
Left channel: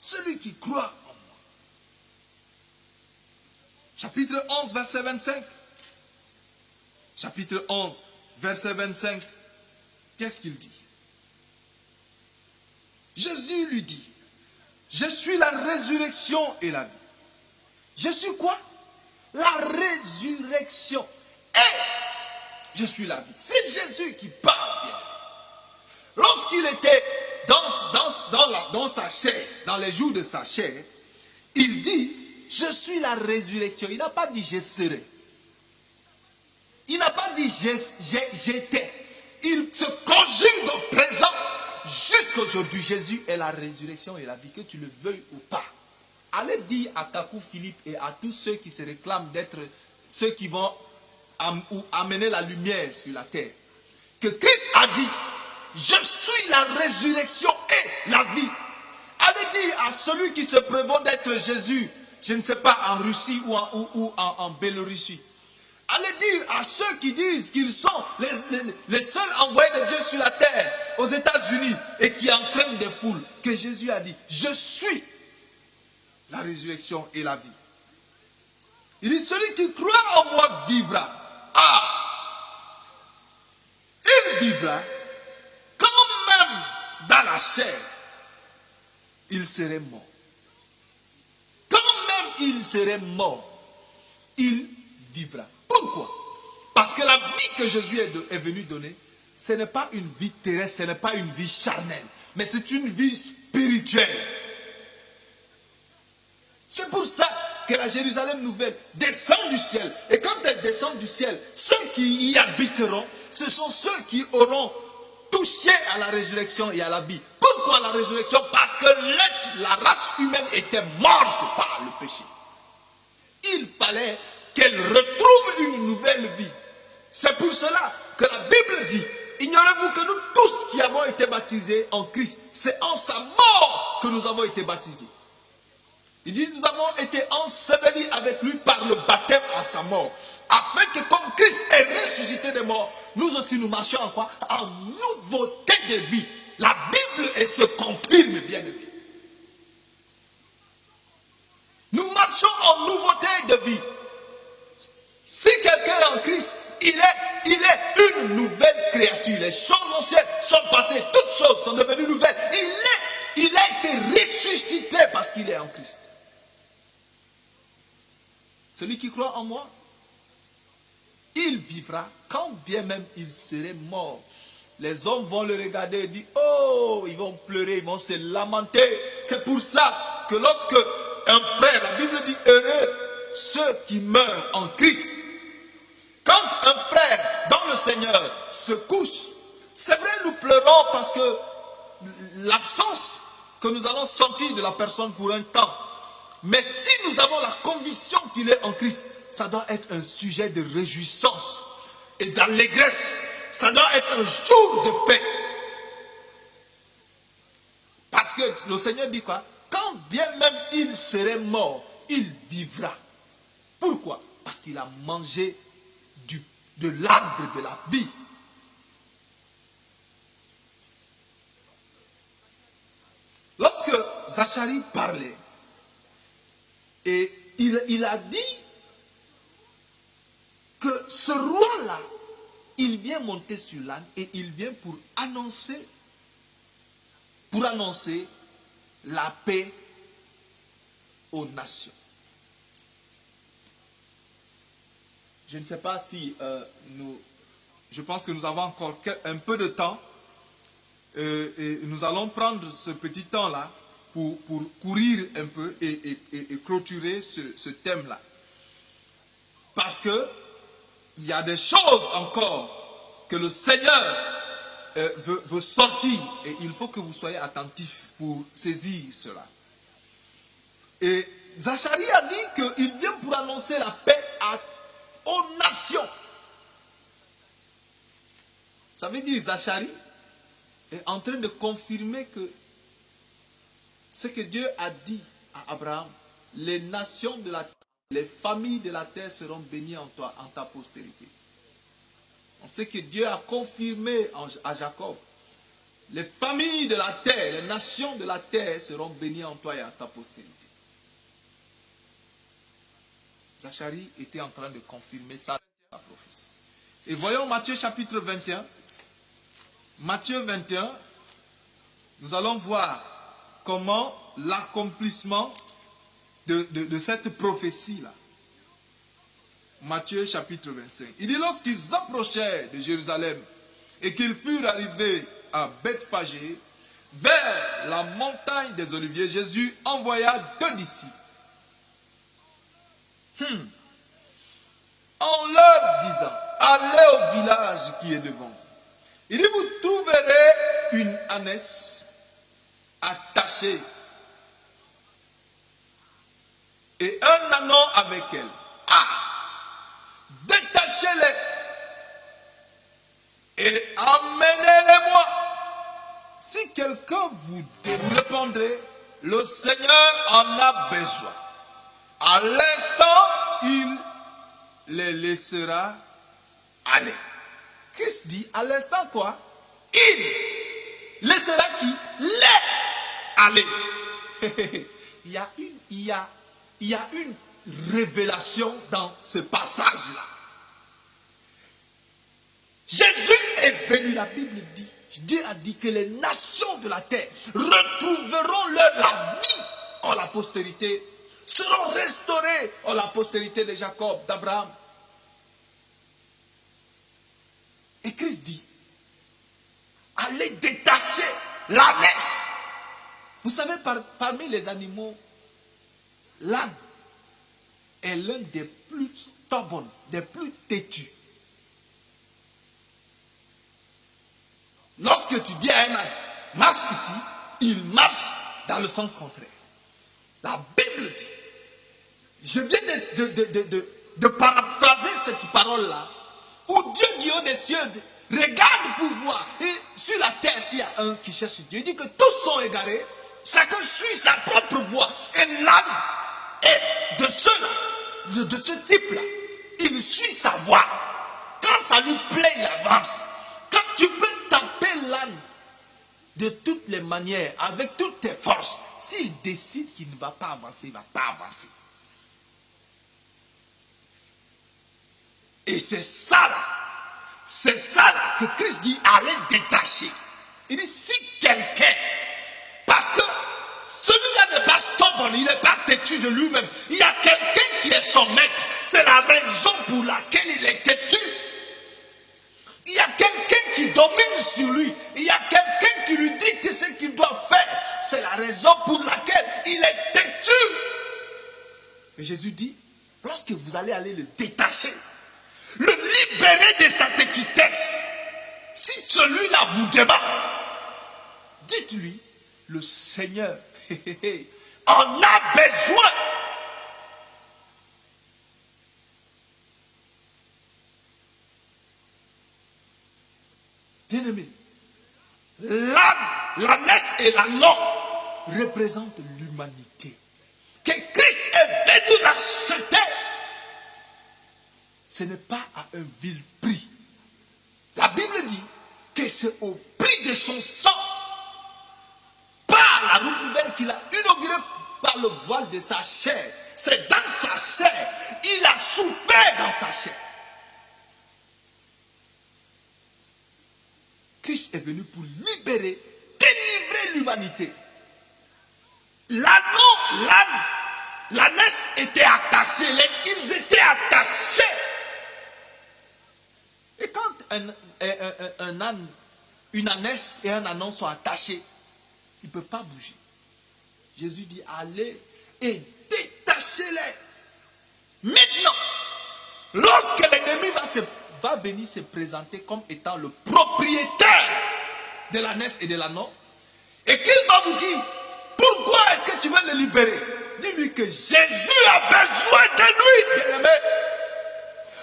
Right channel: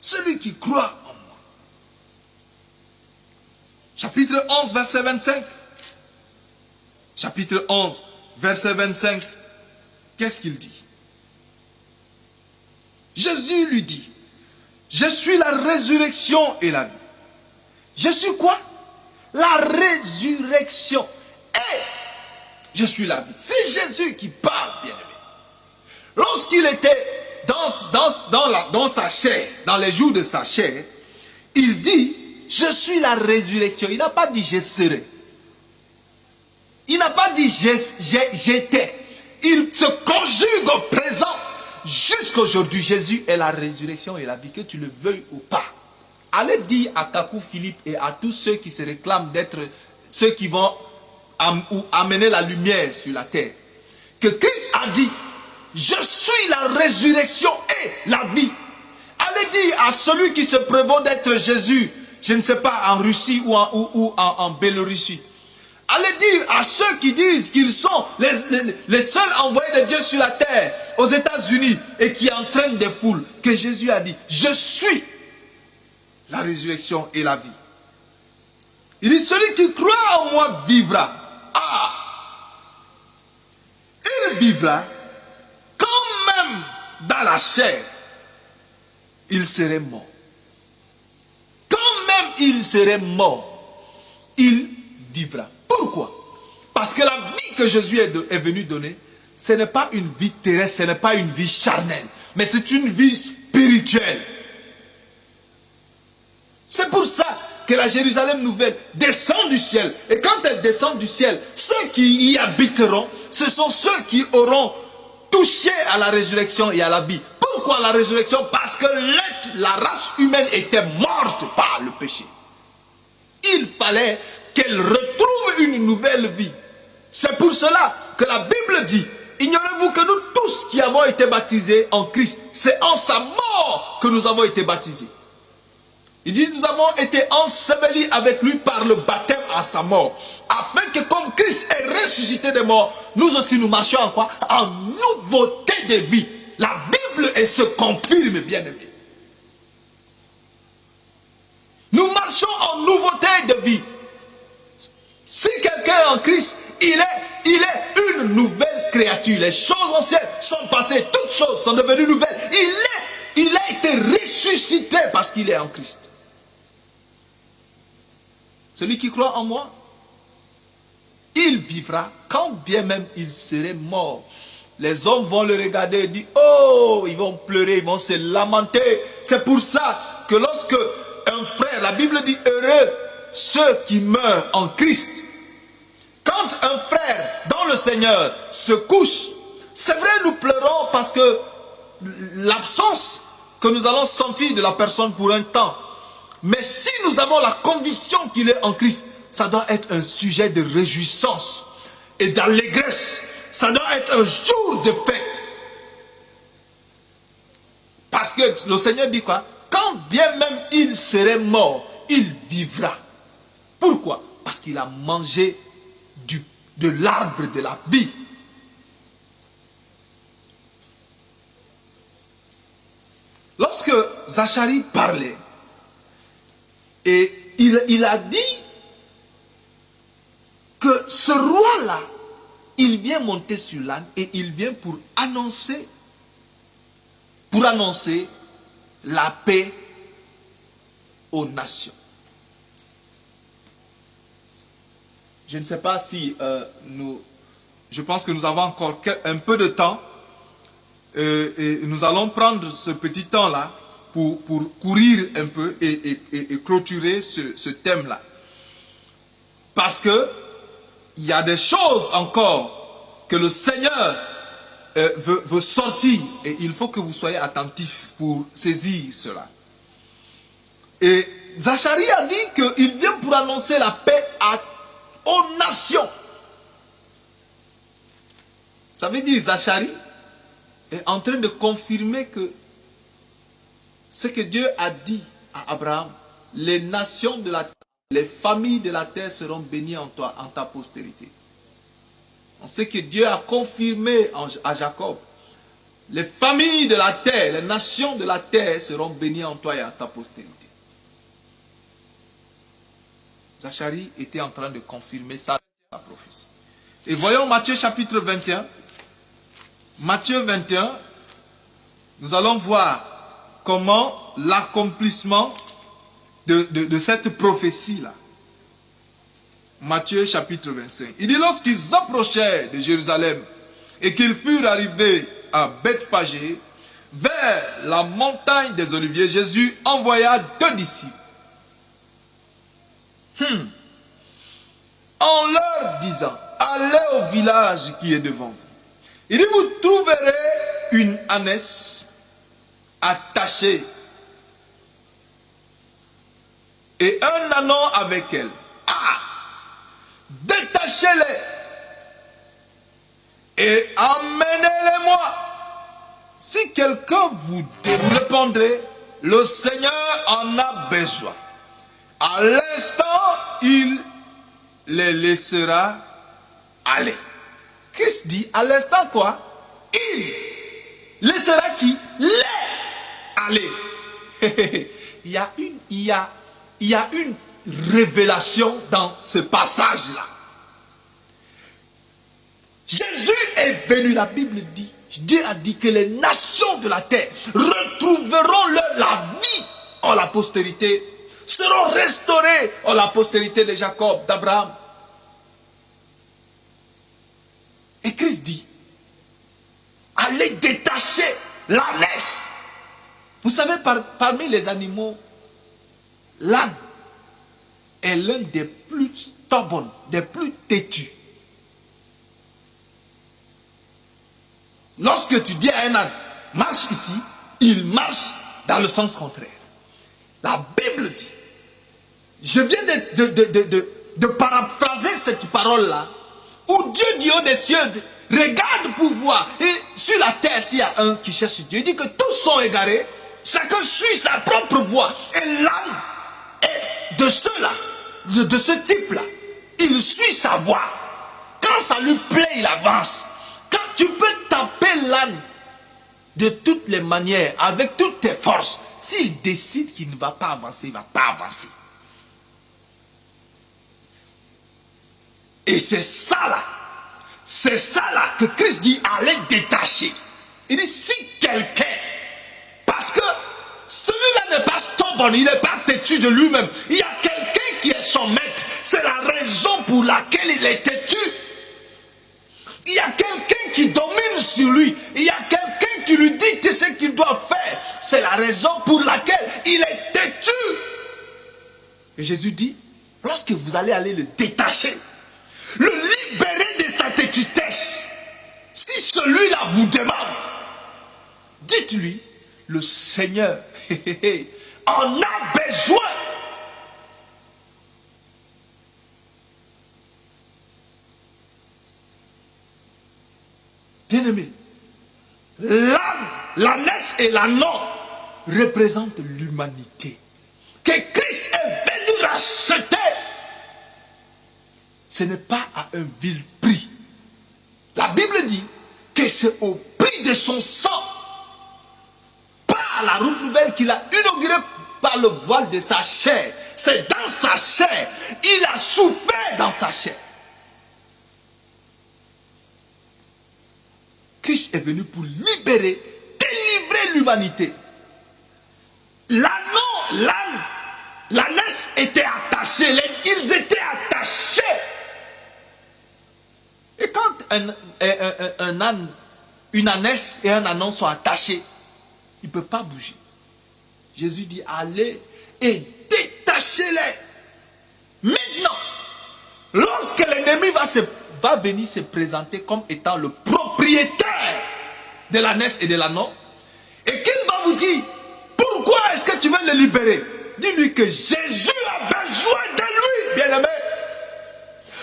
Celui qui croit en moi. Chapitre 11, verset 25. Chapitre 11, verset 25. Qu'est-ce qu'il dit? Jésus lui dit, je suis la résurrection et la vie. Je suis quoi? La résurrection. Et je suis la vie. C'est Jésus qui parle, bien aimé. Lorsqu'il était dans sa chair, dans les jours de sa chair, il dit, je suis la résurrection. Il n'a pas dit je serai. Il n'a pas dit j'étais. Il se conjugue au présent. Jusqu'aujourd'hui, Jésus est la résurrection et la vie, que tu le veuilles ou pas. Allez dire à Kakou Philippe et à tous ceux qui se réclament d'être ceux qui vont amener la lumière sur la terre, que Christ a dit, je suis la résurrection et la vie. Allez dire à celui qui se prévaut d'être Jésus, je ne sais pas, en Russie ou en Biélorussie. Allez dire à ceux qui disent qu'ils sont les seuls envoyés de Dieu sur la terre, aux États-Unis, et qui entraînent des foules, que Jésus a dit, je suis la résurrection et la vie. Il dit, celui qui croit en moi vivra. Ah! Il vivra quand même dans la chair. Il serait mort. Quand même il serait mort, il vivra. Pourquoi? Parce que la vie que Jésus est venu donner, ce n'est pas une vie terrestre, ce n'est pas une vie charnelle, mais c'est une vie spirituelle. C'est pour ça que la Jérusalem nouvelle descend du ciel. Et quand elle descend du ciel, ceux qui y habiteront, ce sont ceux qui auront touché à la résurrection et à la vie. Pourquoi la résurrection? Parce que la race humaine était morte par le péché. Il fallait qu'elle retrouve une nouvelle vie. C'est pour cela que la Bible dit, ignorez-vous que nous tous qui avons été baptisés en Christ, c'est en sa mort que nous avons été baptisés. Il dit, nous avons été ensevelis avec lui par le baptême à sa mort. Afin que comme Christ est ressuscité des morts, nous aussi nous marchions en quoi? En nouveauté de vie. La Bible se confirme, bien aimé. Nous marchons en nouveauté de vie. Si quelqu'un est en Christ, il est une nouvelle créature. Les choses anciennes sont passées, toutes choses sont devenues nouvelles. Il a été ressuscité parce qu'il est en Christ. Celui qui croit en moi, il vivra quand bien même il serait mort. Les hommes vont le regarder et dire, oh, ils vont pleurer, ils vont se lamenter. C'est pour ça que lorsque un frère, la Bible dit, heureux ceux qui meurent en Christ. Quand un frère dans le Seigneur se couche, c'est vrai, nous pleurons parce que l'absence que nous allons sentir de la personne pour un temps. Mais si nous avons la conviction qu'il est en Christ, ça doit être un sujet de réjouissance et d'allégresse. Ça doit être un jour de fête. Parce que le Seigneur dit quoi? Quand bien même il serait mort, il vivra. Pourquoi? Parce qu'il a mangé de l'arbre de la vie. Lorsque Zacharie parlait, et il a dit que ce roi-là, il vient monter sur l'âne et il vient pour annoncer la paix aux nations. Je ne sais pas si je pense que nous avons encore un peu de temps et nous allons prendre ce petit temps-là pour courir un peu et clôturer ce thème-là. Parce que il y a des choses encore que le Seigneur veut sortir et il faut que vous soyez attentifs pour saisir cela. Et Zacharie a dit qu'il vient pour annoncer la paix aux nations. Ça veut dire Zacharie est en train de confirmer que ce que Dieu a dit à Abraham, les nations de la terre, les familles de la terre seront bénies en toi, en ta postérité. On sait que Dieu a confirmé à Jacob, les familles de la terre, les nations de la terre seront bénies en toi et en ta postérité. Zacharie était en train de confirmer ça, sa prophétie. Et voyons Matthieu chapitre 21. Matthieu 21, nous allons voir comment l'accomplissement de cette prophétie-là. Matthieu chapitre 25. Il dit, lorsqu'ils approchèrent de Jérusalem et qu'ils furent arrivés à Bethphagée, vers la montagne des Oliviers, Jésus envoya 2 disciples. En leur disant, allez au village qui est devant vous. Il dit, vous trouverez une ânesse attachée et un ânon avec elle. Détachez-les et emmenez-les-moi. Si quelqu'un vous répondrait, le Seigneur en a besoin. À l'instant, il les laissera aller. Christ dit, à l'instant quoi? Il laissera qui? Les aller. Il y a une révélation dans ce passage-là. Jésus est venu, la Bible dit, Dieu a dit que les nations de la terre retrouveront la vie en la postérité, seront restaurées en la postérité de Jacob, d'Abraham. Et Christ dit, allez détacher l'ânesse. Vous savez, parmi les animaux, l'âne est l'un des plus stubborn, des plus têtus. Lorsque tu dis à un âne, marche ici, il marche dans le sens contraire. La Bible dit, je viens de paraphraser cette parole-là, où Dieu dit au des cieux, regarde pour voir, et sur la terre, s'il y a un qui cherche Dieu, il dit que tous sont égarés, chacun suit sa propre voie. Et l'âne est de ceux-là, de ce type-là. Il suit sa voie. Quand ça lui plaît, il avance. Quand tu peux taper l'âne de toutes les manières, avec toutes tes forces, s'il décide qu'il ne va pas avancer, il ne va pas avancer. Et c'est ça là que Christ dit, allez détacher. Il dit, si quelqu'un, parce que celui-là n'est pas stubborn, il n'est pas têtu de lui-même. Il y a quelqu'un qui est son maître. C'est la raison pour laquelle il est têtu. Il y a quelqu'un qui domine sur lui. Il y a quelqu'un qui lui dicte ce qu'il doit faire. C'est la raison pour laquelle il est têtu. Et Jésus dit, lorsque vous allez le détacher, le libérer de sa têtutesse, si celui-là vous demande, dites-lui, le Seigneur en a besoin. Bien-aimé, l'ânesse et l'ânon représentent l'humanité que Christ est venu racheter. ce n'est pas à un vil prix. La Bible dit que c'est au prix de son sang, par la route nouvelle qu'il a inaugurée par le voile de sa chair. C'est dans sa chair. Il a souffert dans sa chair. Christ est venu pour libérer, délivrer l'humanité. L'âne, l'ânesse était attachée, ils étaient attachés. Et quand un âne, une ânesse et un ânon sont attachés, il ne peut pas bouger. Jésus dit, allez et détachez-les. Maintenant, lorsque l'ennemi va venir se présenter comme étant le propriétaire de l'ânesse et de l'ânon, et qu'il va vous dire, pourquoi est-ce que tu veux le libérer? Dis-lui que Jésus a besoin de lui, bien-aimé.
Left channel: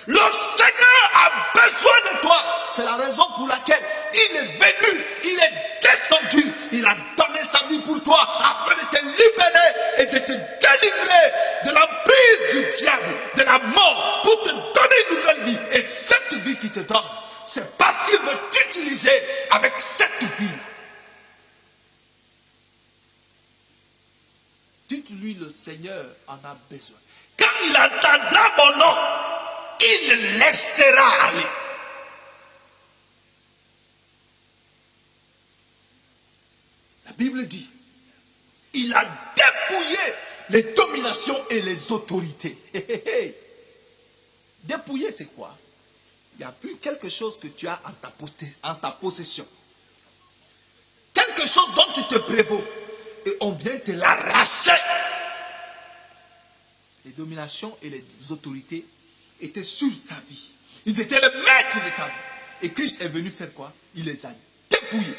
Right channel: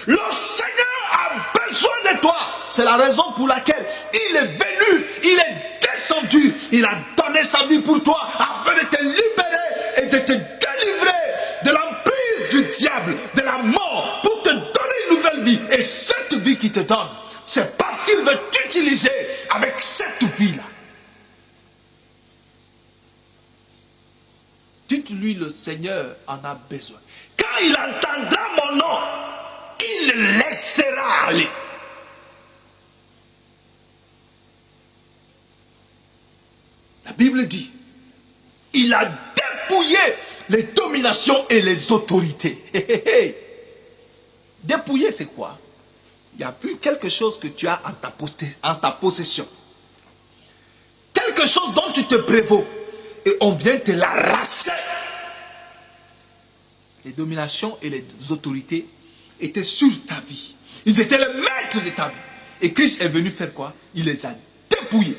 Le Seigneur a besoin de toi. C'est la raison pour laquelle il est venu, il est descendu, il a donné sa vie pour toi afin de te libérer et de te délivrer de l'emprise du diable, de la mort, pour te donner une nouvelle vie. Et cette vie qu'il te donne, c'est parce qu'il veut t'utiliser avec cette vie-là. Dites-lui, le Seigneur en a besoin. Quand il entendra mon nom, il le laissera aller. La Bible dit, il a dépouillé les dominations et les autorités. Dépouiller, c'est quoi? Il n'y a plus quelque chose que tu as en ta possession. Quelque chose dont tu te prévaux. Et on vient te l'arracher. Les dominations et les autorités étaient sur ta vie. Ils étaient les maîtres de ta vie. Et Christ est venu faire quoi? Il les a dépouillés.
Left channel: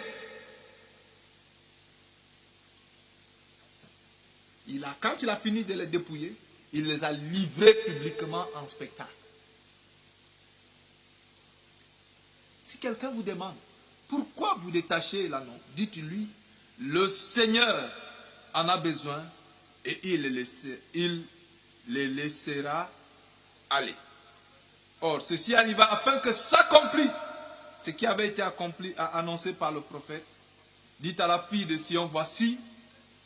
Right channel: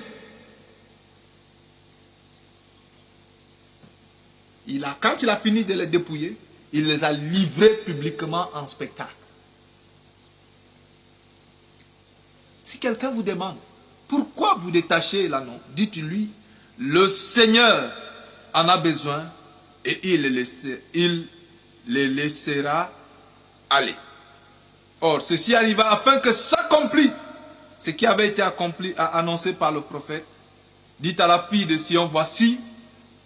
Quand il a fini de les dépouiller, il les a livrés publiquement en spectacle. Si quelqu'un vous demande, pourquoi vous détachez l'anneau? Dites-lui, le Seigneur en a besoin et il les laissera aller. Or, ceci arriva afin que s'accomplisse ce qui avait été annoncé par le prophète. Dites à la fille de Sion, voici,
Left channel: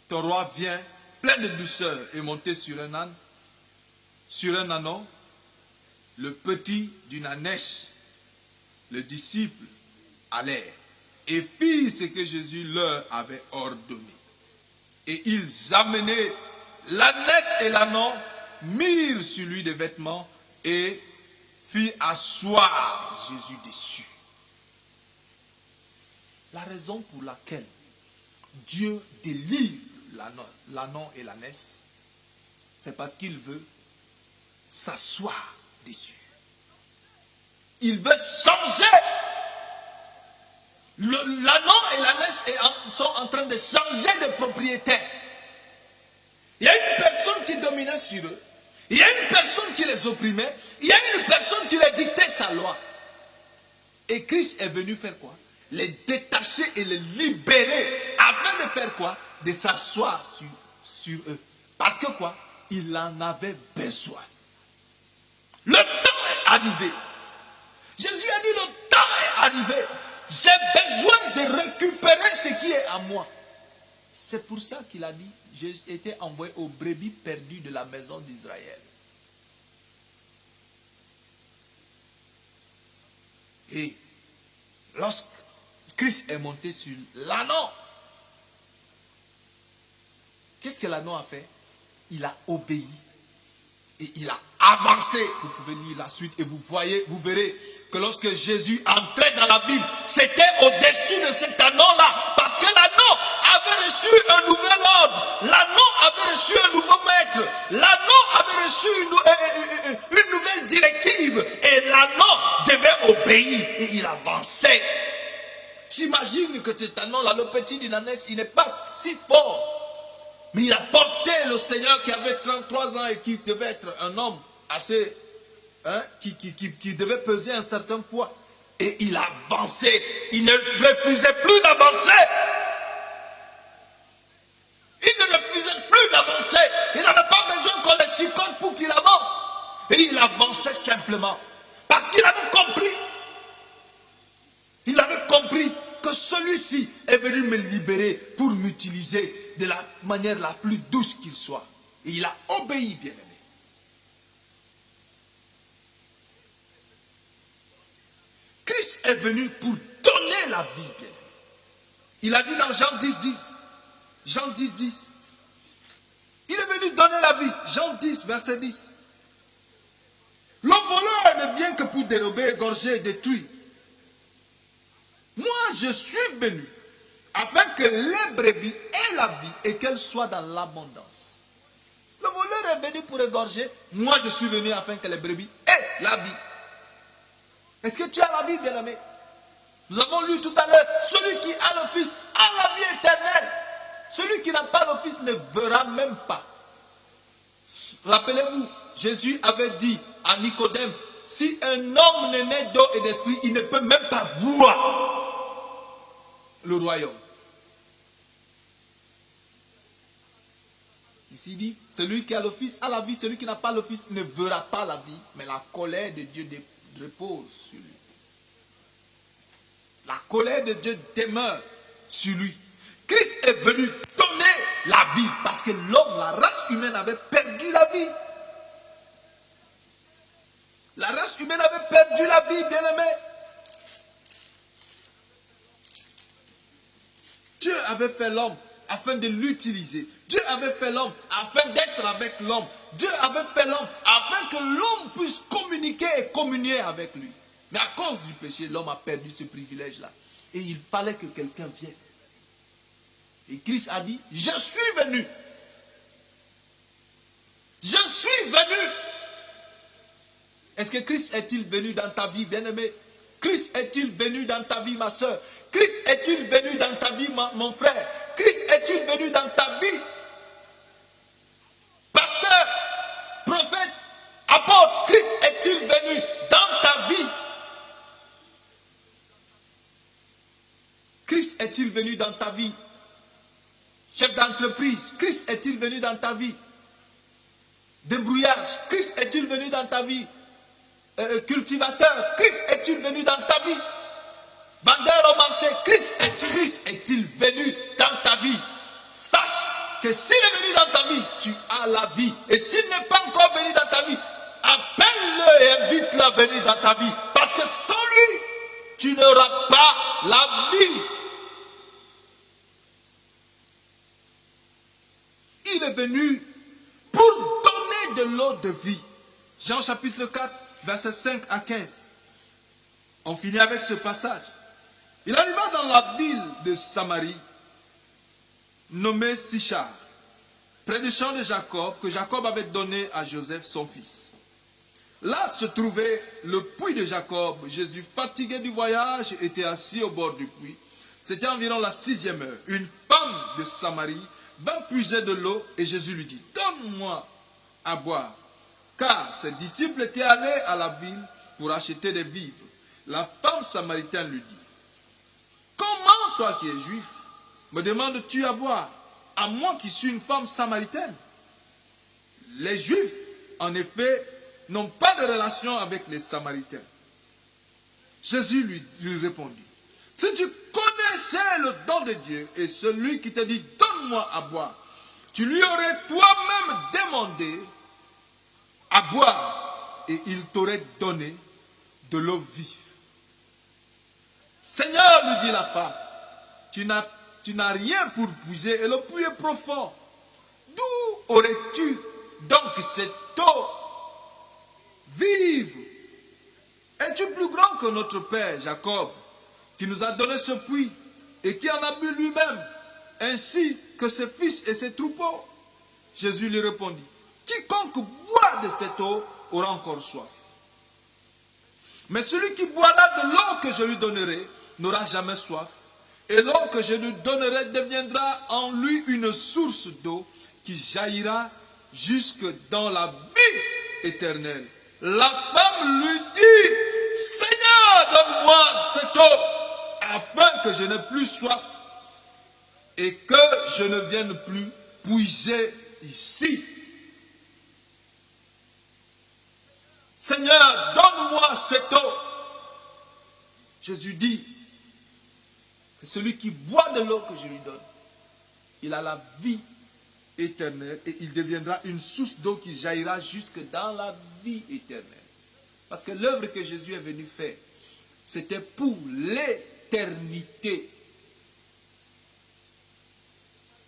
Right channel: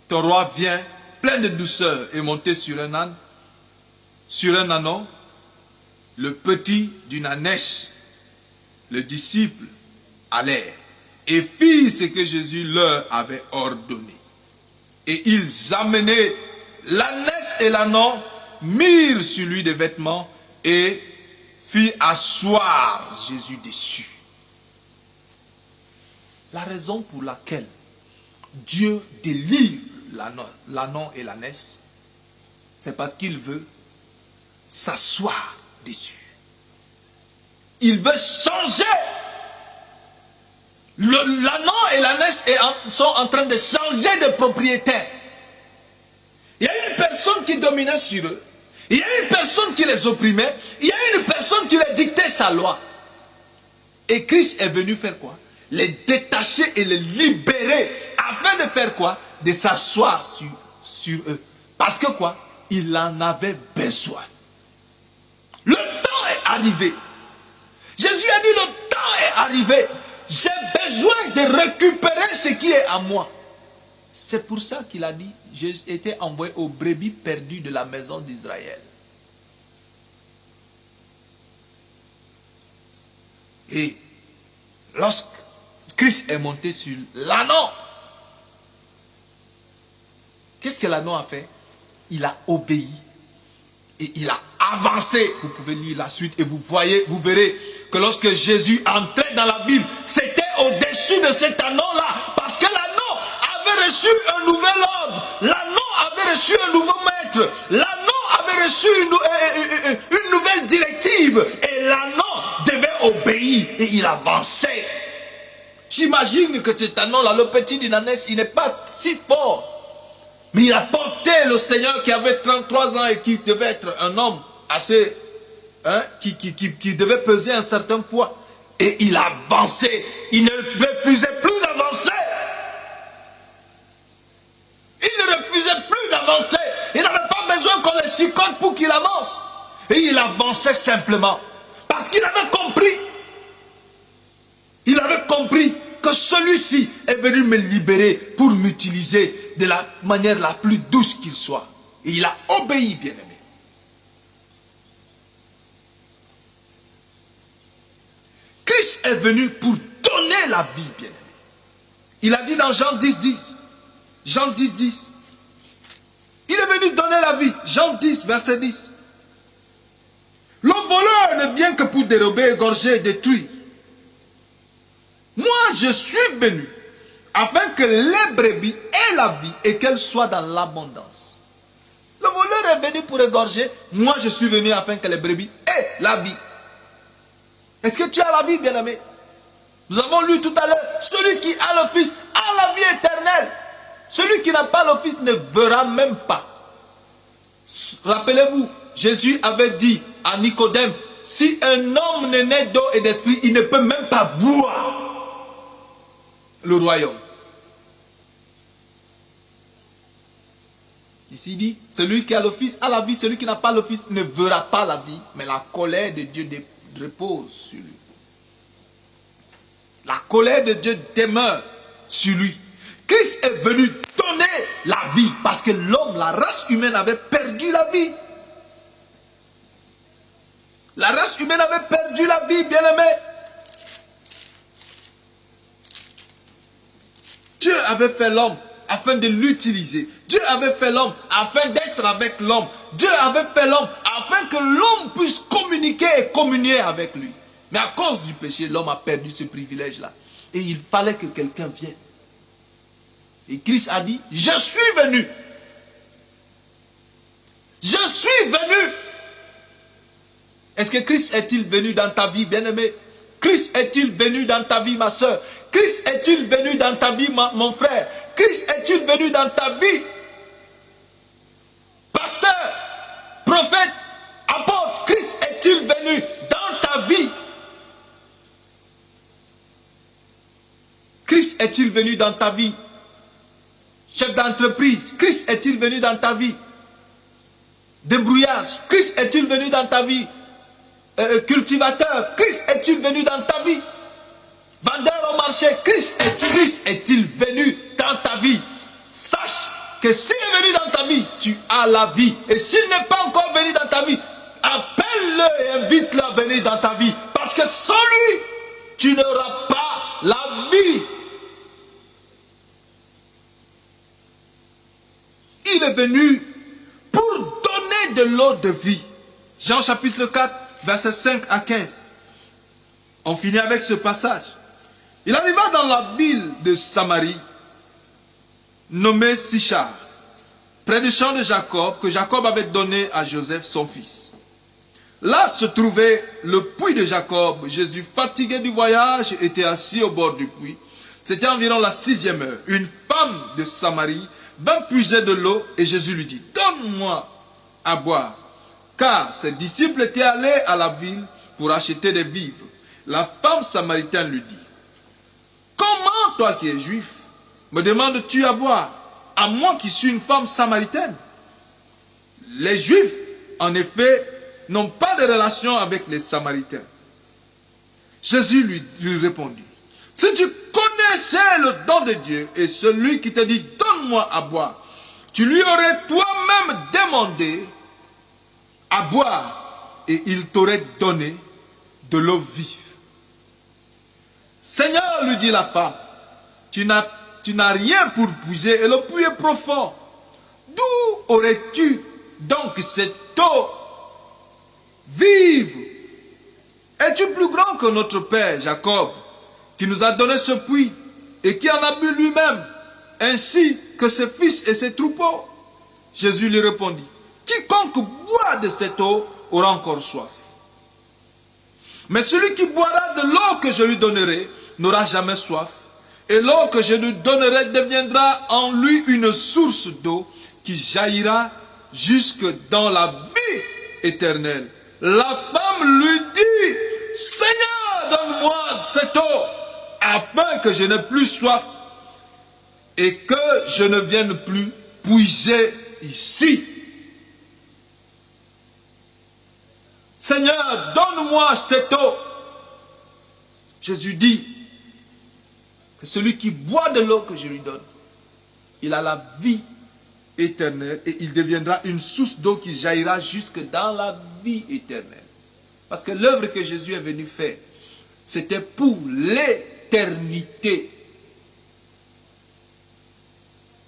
ton roi vient plein de douceur et monté sur un âne, sur un ânon, le petit d'une ânesse. Le disciple allèrent et firent ce que Jésus leur avait ordonné. Et ils amenaient l'ânesse et l'ânon, mirent sur lui des vêtements et firent asseoir Jésus dessus. La raison pour laquelle Dieu délivre l'ânon et l'ânesse, c'est parce qu'il veut s'asseoir dessus. Il veut changer. L'ânon et l'ânesse sont en train de changer de propriétaire. Il y a une personne qui dominait sur eux. Il y a une personne qui les opprimait. Il y a une personne qui les dictait sa loi. Et Christ est venu faire quoi? Les détacher et les libérer. Afin de faire quoi? De s'asseoir sur eux. Parce que quoi? Il en avait besoin. Le temps est arrivé. Jésus a dit, le temps est arrivé. J'ai besoin de récupérer ce qui est à moi. C'est pour ça qu'il a dit, j'ai été envoyé aux brebis perdues de la maison d'Israël. Et lorsque Christ est monté sur l'ânon, qu'est-ce que l'ânon a fait? Il a obéi. Et il a avancé. Vous pouvez lire la suite et vous verrez que lorsque Jésus entrait dans la ville, c'était au-dessus de cet anneau-là. Parce que l'anneau avait reçu un nouvel ordre. L'anneau avait reçu un nouveau maître. L'anneau avait reçu une nouvelle directive. Et l'anneau devait obéir. Et il avançait. J'imagine que cet anneau-là, le petit d'une ânesse, il n'est pas si fort. Mais il a porté le Seigneur qui avait 33 ans et qui devait être un homme assez, qui devait peser un certain poids. Et il avançait. Il ne refusait plus d'avancer. Il ne refusait plus d'avancer. Il n'avait pas besoin qu'on le chicote pour qu'il avance. Et il avançait simplement. Parce qu'il avait compris. Il avait compris que celui-ci est venu me libérer pour m'utiliser de la manière la plus douce qu'il soit. Et il a obéi, bien-aimé. Christ est venu pour donner la vie, bien-aimé. Il a dit dans Jean 10, 10. Jean 10, 10. Il est venu donner la vie. Jean 10, verset 10. Le voleur ne vient que pour dérober, égorger et détruire. Moi, je suis venu afin que les brebis aient la vie et qu'elles soient dans l'abondance. Le voleur est venu pour égorger. Moi, je suis venu afin que les brebis aient la vie. Est-ce que tu as la vie, bien-aimé? Nous avons lu tout à l'heure, celui qui a le Fils a la vie éternelle. Celui qui n'a pas le Fils ne verra même pas. Rappelez-vous, Jésus avait dit à Nicodème, si un homme n'est né d'eau et d'esprit, il ne peut même pas voir le royaume. Ici il dit, celui qui a le Fils a la vie, celui qui n'a pas le Fils ne verra pas la vie, mais la colère de Dieu repose sur lui. La colère de Dieu demeure sur lui. Christ est venu donner la vie parce que l'homme, la race humaine avait perdu la vie. La race humaine avait perdu la vie, bien-aimé. Dieu avait fait l'homme afin de l'utiliser. Dieu avait fait l'homme afin d'être avec l'homme. Dieu avait fait l'homme afin que l'homme puisse communiquer et communier avec lui. Mais à cause du péché, l'homme a perdu ce privilège-là. Et il fallait que quelqu'un vienne. Et Christ a dit, je suis venu. Je suis venu. Est-ce que Christ est-il venu dans ta vie, bien-aimé? Christ est-il venu dans ta vie, ma soeur? Christ est-il venu dans ta vie, mon frère? Christ est-il venu dans ta vie? Pasteur, prophète, apôtre, Christ est-il venu dans ta vie? Christ est-il venu dans ta vie? Chef d'entreprise, Christ est-il venu dans ta vie? Débrouillage, Christ est-il venu dans ta vie? Cultivateur, Christ est-il venu dans ta vie? Vendeur au marché, Christ est-il venu dans ta vie? Sache que s'il est venu dans ta vie, tu as la vie. Et s'il n'est pas encore venu dans ta vie, appelle-le et invite-le à venir dans ta vie. Parce que sans lui, tu n'auras pas la vie. Il est venu pour donner de l'eau de vie. Jean chapitre 4, versets 5 à 15. On finit avec ce passage. Il arriva dans la ville de Samarie, nommée Sichar, près du champ de Jacob, que Jacob avait donné à Joseph, son fils. Là se trouvait le puits de Jacob. Jésus, fatigué du voyage, était assis au bord du puits. C'était environ la 6e heure. Une femme de Samarie vint puiser de l'eau et Jésus lui dit, donne-moi à boire. Car ses disciples étaient allés à la ville pour acheter des vivres. La femme samaritaine lui dit, comment toi qui es juif, me demandes-tu à boire, à moi qui suis une femme samaritaine? Les juifs, en effet, n'ont pas de relation avec les samaritains. Jésus lui répondit, si tu connaissais le don de Dieu et celui qui te dit, donne-moi à boire, tu lui aurais toi-même demandé à boire et il t'aurait donné de l'eau vive. Seigneur, lui dit la femme, tu n'as rien pour puiser et le puits est profond. D'où aurais-tu donc cette eau vive? Es-tu plus grand que notre père Jacob, qui nous a donné ce puits et qui en a bu lui-même, ainsi que ses fils et ses troupeaux? Jésus lui répondit, quiconque boit de cette eau aura encore soif. Mais celui qui boira de l'eau que je lui donnerai n'aura jamais soif. Et l'eau que je lui donnerai deviendra en lui une source d'eau qui jaillira jusque dans la vie éternelle. La femme lui dit, Seigneur, donne-moi cette eau, afin que je n'ai plus soif et que je ne vienne plus puiser ici. Seigneur, donne-moi cette eau. Jésus dit que celui qui boit de l'eau que je lui donne, il a la vie éternelle et il deviendra une source d'eau qui jaillira jusque dans la vie éternelle. Parce que l'œuvre que Jésus est venu faire, c'était pour l'éternité.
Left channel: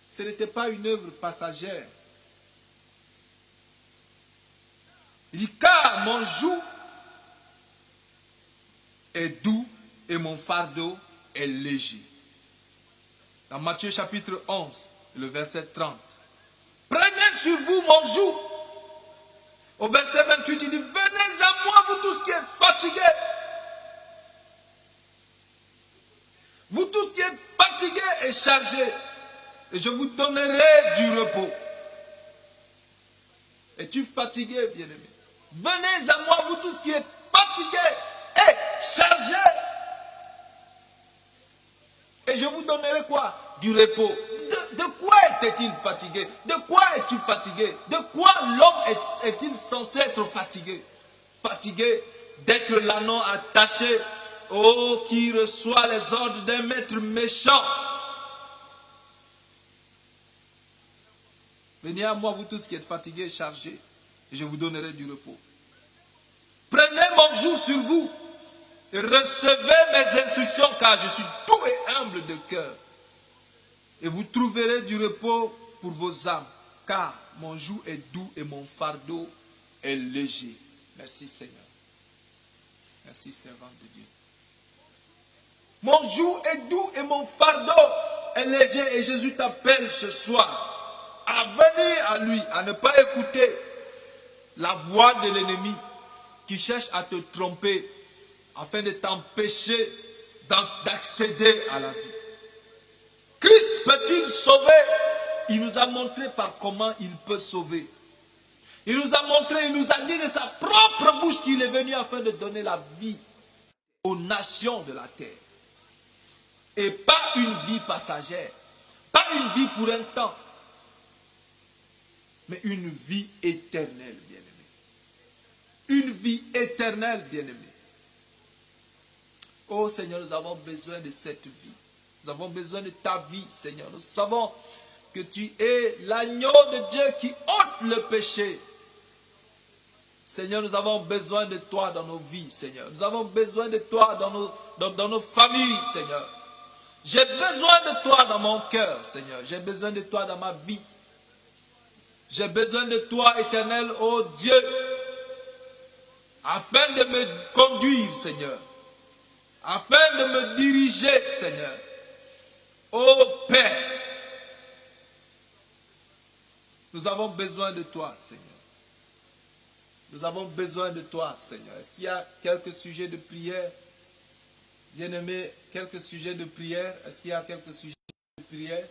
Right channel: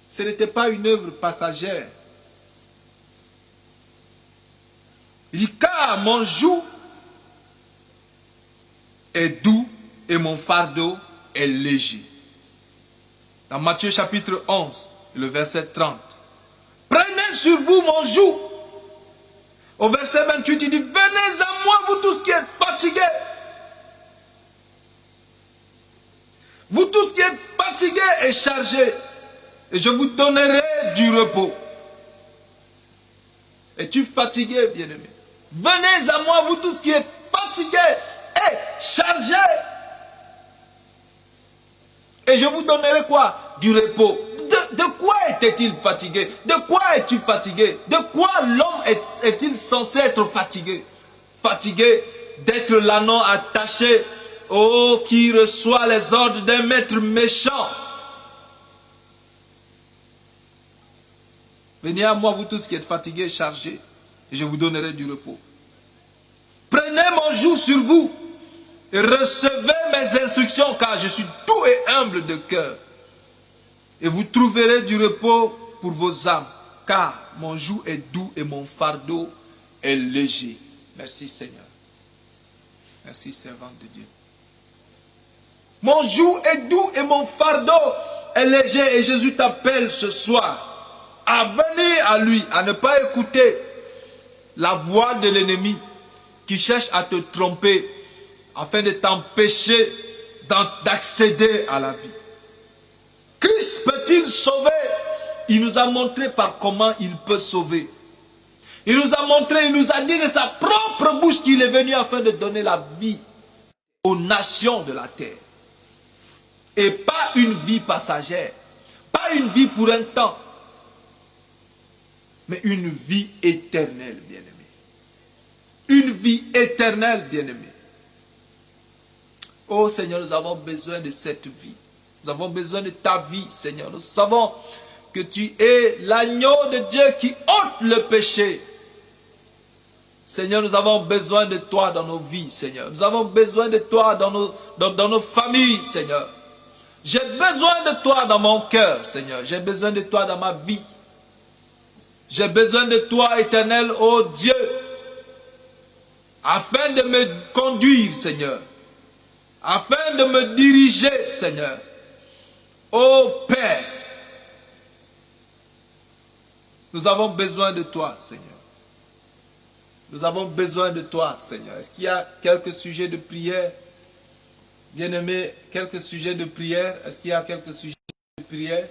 Ce n'était pas une œuvre passagère. Il dit, car mon joug est doux et mon fardeau est léger. Dans Matthieu chapitre 11, le verset 30. Prenez sur vous mon joug. Au verset 28, il dit, venez à moi, vous tous qui êtes fatigués. Vous tous qui êtes fatigués et chargés, et je vous donnerai du repos. Es-tu fatigué, bien-aimé? Venez à moi, vous tous qui êtes fatigués et chargés. Et je vous donnerai quoi? Du repos. De quoi était-il fatigué? De quoi es-tu fatigué? De quoi l'homme est-il censé être fatigué? Fatigué d'être l'ânon attaché, oh, qui reçoit les ordres d'un maître méchant. Venez à moi, vous tous qui êtes fatigués et chargés, et je vous donnerai du repos. Prenez mon joug sur vous et recevez mes instructions, car je suis doux et humble de cœur. Et vous trouverez du repos pour vos âmes, car mon joug est doux et mon fardeau est léger. Merci Seigneur. Merci servant de Dieu. Mon joug est doux et mon fardeau est léger. Et Jésus t'appelle ce soir à venir à lui, à ne pas écouter la voix de l'ennemi qui cherche à te tromper afin de t'empêcher d'accéder à la vie. Christ peut-il sauver? Il nous a montré par comment il peut sauver. Il nous a montré, il nous a dit de sa propre bouche qu'il est venu afin de donner la vie aux nations de la terre. Et pas une vie passagère, pas une vie pour un temps, mais une vie éternelle, bien-aimé. Une vie éternelle, bien-aimé. Oh Seigneur, nous avons besoin de cette vie. Nous avons besoin de ta vie, Seigneur. Nous savons que tu es l'agneau de Dieu qui ôte le péché. Seigneur, nous avons besoin de toi dans nos vies, Seigneur. Nous avons besoin de toi dans nos familles, Seigneur. J'ai besoin de toi dans mon cœur, Seigneur. J'ai besoin de toi dans ma vie. J'ai besoin de toi, éternel, ô Dieu, afin de me conduire, Seigneur. Afin de me diriger, Seigneur. Ô Père, nous avons besoin de toi, Seigneur. Nous avons besoin de toi, Seigneur. Est-ce qu'il y a quelques sujets de prière? Bien-aimés, quelques sujets de prière. Est-ce qu'il y a quelques sujets de prière?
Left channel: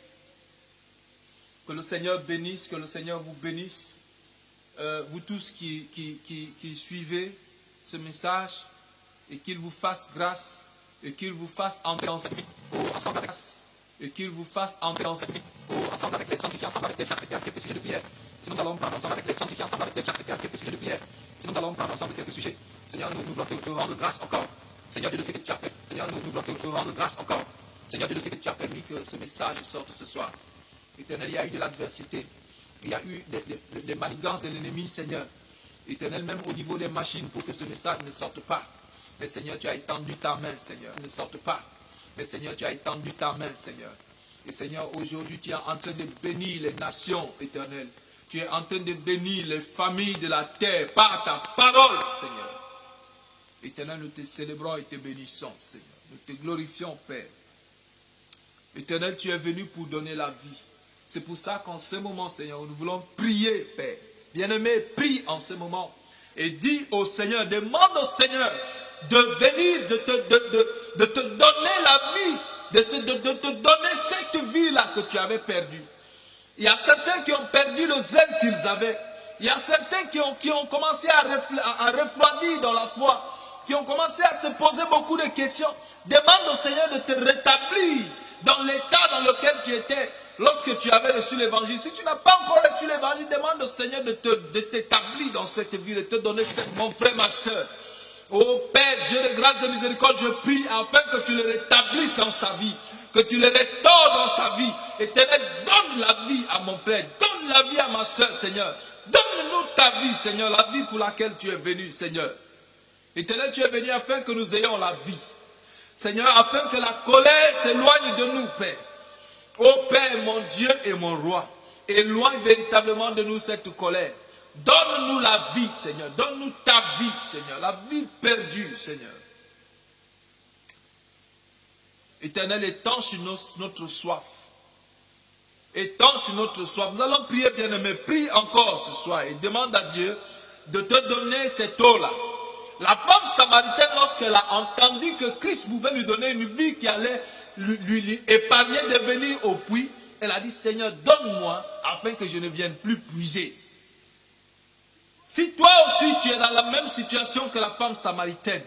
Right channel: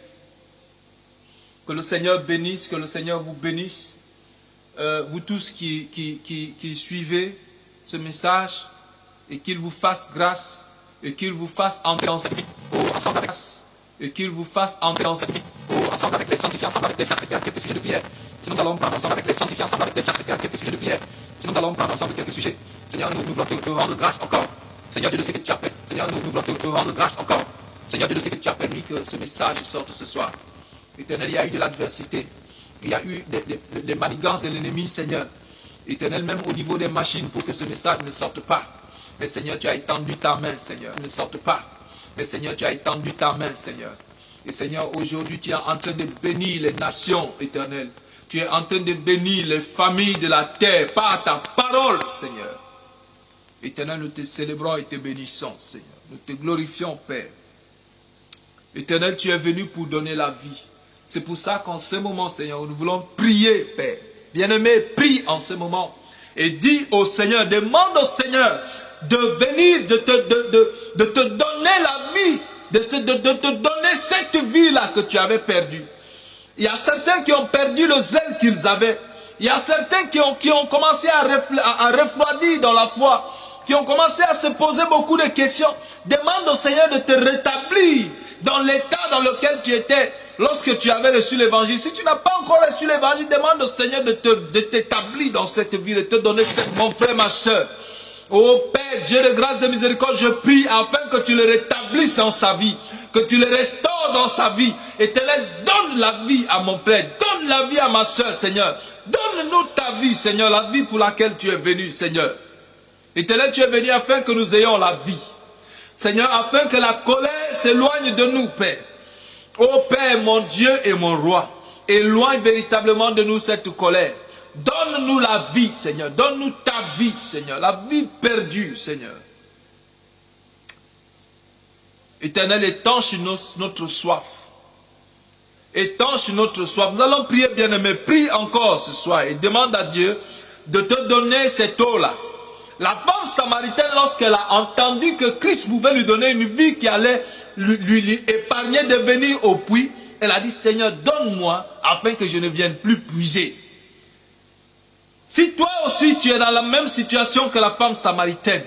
Que le Seigneur bénisse, que le Seigneur vous bénisse. Vous tous qui suivez ce message, et qu'il vous fasse grâce, et qu'il vous fasse entrer en grâce, et qu'il vous fasse entrer ensemble avec les sanctifiés, ensemble avec les saints, quelques sujets de prière. Si nous allons prendre ensemble avec les sanctifiés, ensemble avec les saints, quelques sujets de prière. Si nous allons prendre ensemble quelques sujets, Seigneur, nous voulons te rendre grâce encore. Seigneur, Dieu, je sais que tu as permis. Seigneur, nous voulons te rendre grâce encore. Seigneur, Dieu, je sais que tu as permis que ce message sorte ce soir. Éternel, il y a eu de l'adversité. Il y a eu des manigances de l'ennemi, Seigneur. Éternel, même au niveau des machines, pour que ce message ne sorte pas. Mais Seigneur, tu as étendu ta main, Seigneur. Ne sorte pas. Mais Seigneur, tu as étendu ta main, Seigneur. Et Seigneur, aujourd'hui, tu es en train de bénir les nations, Éternel. Tu es en train de bénir les familles de la terre par ta parole, Seigneur. Éternel, nous te célébrons et te bénissons, Seigneur. Nous te glorifions, Père. Éternel, tu es venu pour donner la vie. C'est pour ça qu'en ce moment, Seigneur, nous voulons prier, Père. Bien-aimé, prie en ce moment. Et dis au Seigneur, demande au Seigneur de venir, de te donner la vie, de te donner cette vie-là que tu avais perdue. Il y a certains qui ont perdu le zèle qu'ils avaient. Il y a certains qui ont commencé à refroidir dans la foi, qui ont commencé à se poser beaucoup de questions. Demande au Seigneur de te rétablir dans l'état dans lequel tu étais lorsque tu avais reçu l'évangile. Si tu n'as pas encore reçu l'évangile, demande au Seigneur de t'établir dans cette vie, de te donner cette, mon frère, ma soeur. Oh Père, Dieu de grâce, de miséricorde, je prie afin que tu le rétablisses dans sa vie, que tu le restaures dans sa vie. Éternel, donne la vie à mon frère, donne la vie à ma soeur, Seigneur. Donne-nous ta vie, Seigneur, la vie pour laquelle tu es venu, Seigneur. Éternel, tu es venu afin que nous ayons la vie. Seigneur, afin que la colère s'éloigne de nous, Père. Oh Père, mon Dieu et mon roi, éloigne véritablement de nous cette colère. Donne-nous la vie, Seigneur. Donne-nous ta vie, Seigneur. La vie perdue, Seigneur. Éternel, étanche notre soif. Étanche notre soif. Nous allons prier, bien-aimé. Prie encore ce soir et demande à Dieu de te donner cette eau-là. La femme samaritaine, lorsqu'elle a entendu que Christ pouvait lui donner une vie qui allait lui épargner de venir au puits, elle a dit, Seigneur, donne-moi afin que je ne vienne plus puiser. Si toi aussi tu es dans la même situation que la femme samaritaine,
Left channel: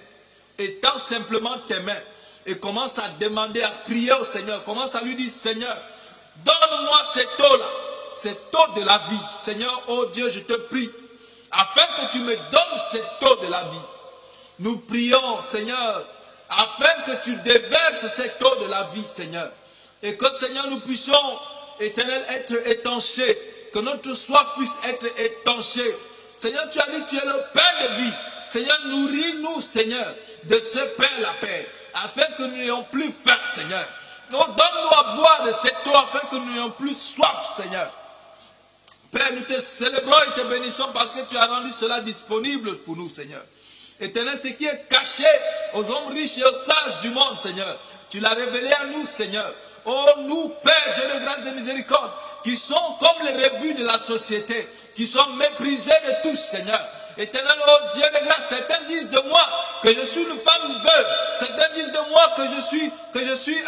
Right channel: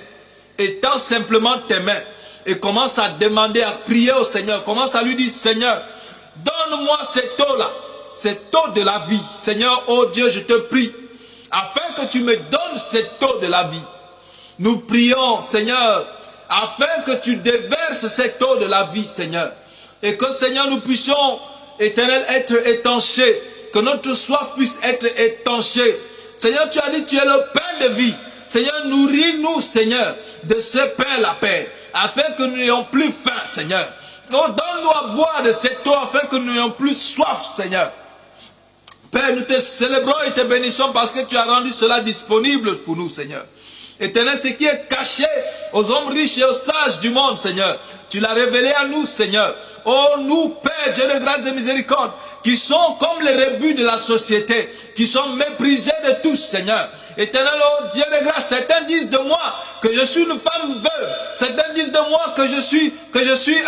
étends simplement tes mains et commence à demander, à prier au Seigneur, commence à lui dire, Seigneur, donne-moi cette eau-là, cette eau de la vie. Seigneur, oh Dieu, je te prie, afin que tu me donnes cette eau de la vie. Nous prions, Seigneur, afin que tu déverses cette eau de la vie, Seigneur. Et que, Seigneur, nous puissions, Éternel, être étanchés, que notre soif puisse être étanchée. Seigneur, tu as dit, tu es le pain de vie. Seigneur, nourris-nous, Seigneur, de ce pain, la paix, afin que nous n'ayons plus faim, Seigneur. Oh, donne-nous à boire de cette eau, afin que nous n'ayons plus soif, Seigneur. Père, nous te célébrons et te bénissons parce que tu as rendu cela disponible pour nous, Seigneur. Éternel, ce qui est caché aux hommes riches et aux sages du monde, Seigneur, tu l'as révélé à nous, Seigneur. Oh, nous, Père, Dieu de grâce et miséricorde, qui sont comme les rebuts de la société, qui sont méprisés de tous, Seigneur. Éternel, oh Dieu de grâce, certains disent de moi que je suis une femme veuve. Certains disent de moi que je suis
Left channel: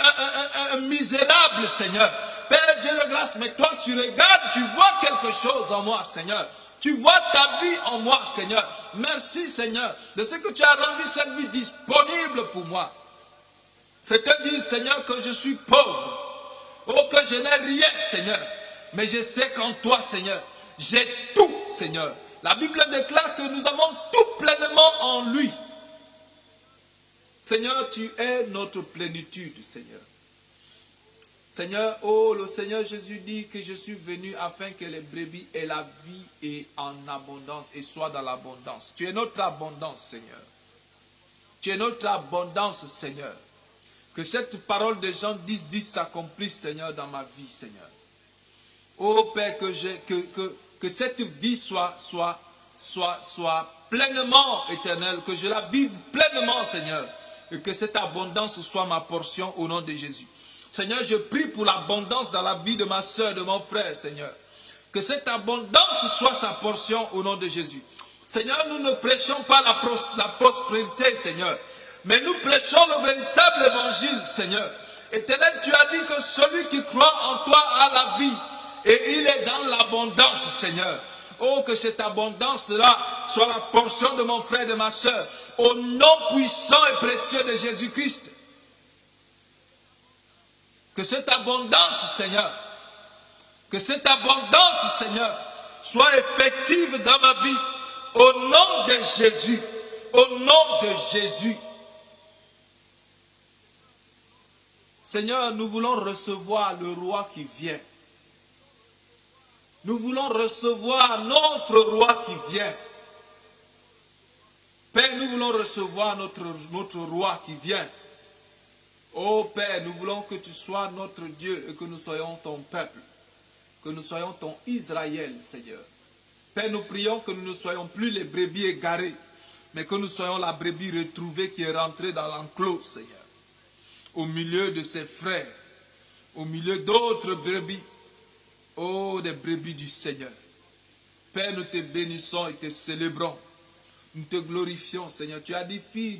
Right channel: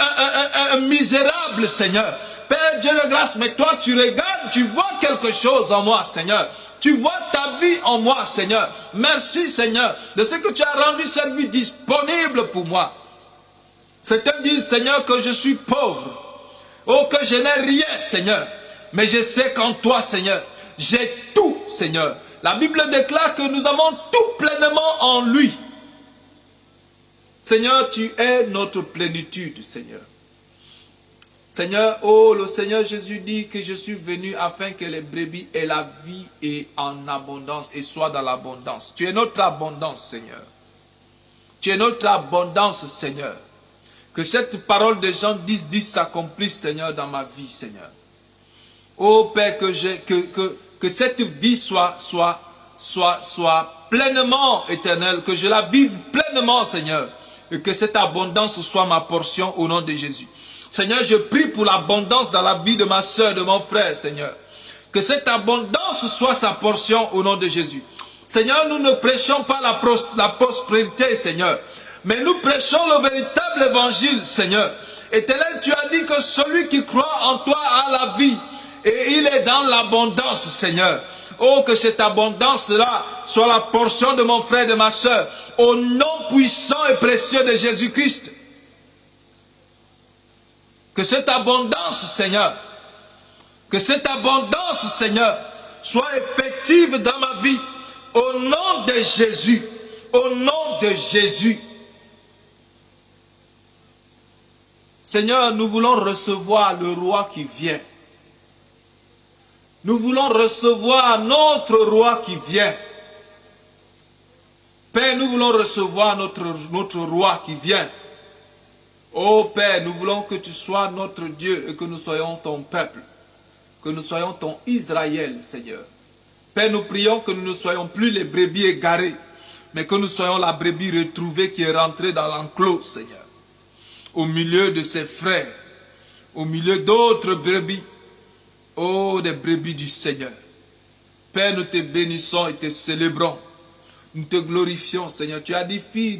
un misérable, Seigneur. Père, Dieu de grâce, mais toi, tu regardes, tu vois quelque chose en moi, Seigneur. Tu vois ta vie en moi, Seigneur. Merci, Seigneur, de ce que tu as rendu cette vie disponible pour moi. Certains disent, Seigneur, que je suis pauvre. Oh, que je n'ai rien, Seigneur. Mais je sais qu'en toi, Seigneur, j'ai tout, Seigneur. La Bible déclare que nous avons tout pleinement en lui. Seigneur, tu es notre plénitude, Seigneur. Seigneur, oh, le Seigneur Jésus dit que je suis venu afin que les brebis aient la vie et en abondance et soient dans l'abondance. Tu es notre abondance, Seigneur. Tu es notre abondance, Seigneur. Que cette parole de Jean 10 s'accomplisse, Seigneur, dans ma vie, Seigneur. Oh Père, que cette vie soit pleinement éternelle, que je la vive pleinement, Seigneur. Et que cette abondance soit ma portion au nom de Jésus. Seigneur, je prie pour l'abondance dans la vie de ma soeur, de mon frère, Seigneur. Que cette abondance soit sa portion au nom de Jésus. Seigneur, nous ne prêchons pas la prospérité, Seigneur. Mais nous prêchons le véritable évangile, Seigneur. Éternel, tu as dit que celui qui croit en toi a la vie. Et il est dans l'abondance, Seigneur. Oh, que cette abondance-là soit la portion de mon frère et de ma soeur. Au nom puissant et précieux de Jésus-Christ. Que cette abondance, Seigneur, soit effective dans ma vie. Au nom de Jésus. Au nom de Jésus. Seigneur, nous voulons recevoir le roi qui vient. Nous voulons recevoir notre roi qui vient. Père, nous voulons recevoir notre roi qui vient. Oh Père, nous voulons que tu sois notre Dieu et que nous soyons ton peuple. Que nous soyons ton Israël, Seigneur. Père, nous prions que nous ne soyons plus les brebis égarées, mais que nous soyons la brebis retrouvée qui est rentrée dans l'enclos, Seigneur. Au milieu de ses frères, au milieu d'autres brebis. Oh, des brebis du Seigneur. Père, nous te bénissons et te célébrons. Nous te glorifions, Seigneur. Tu as dit, fille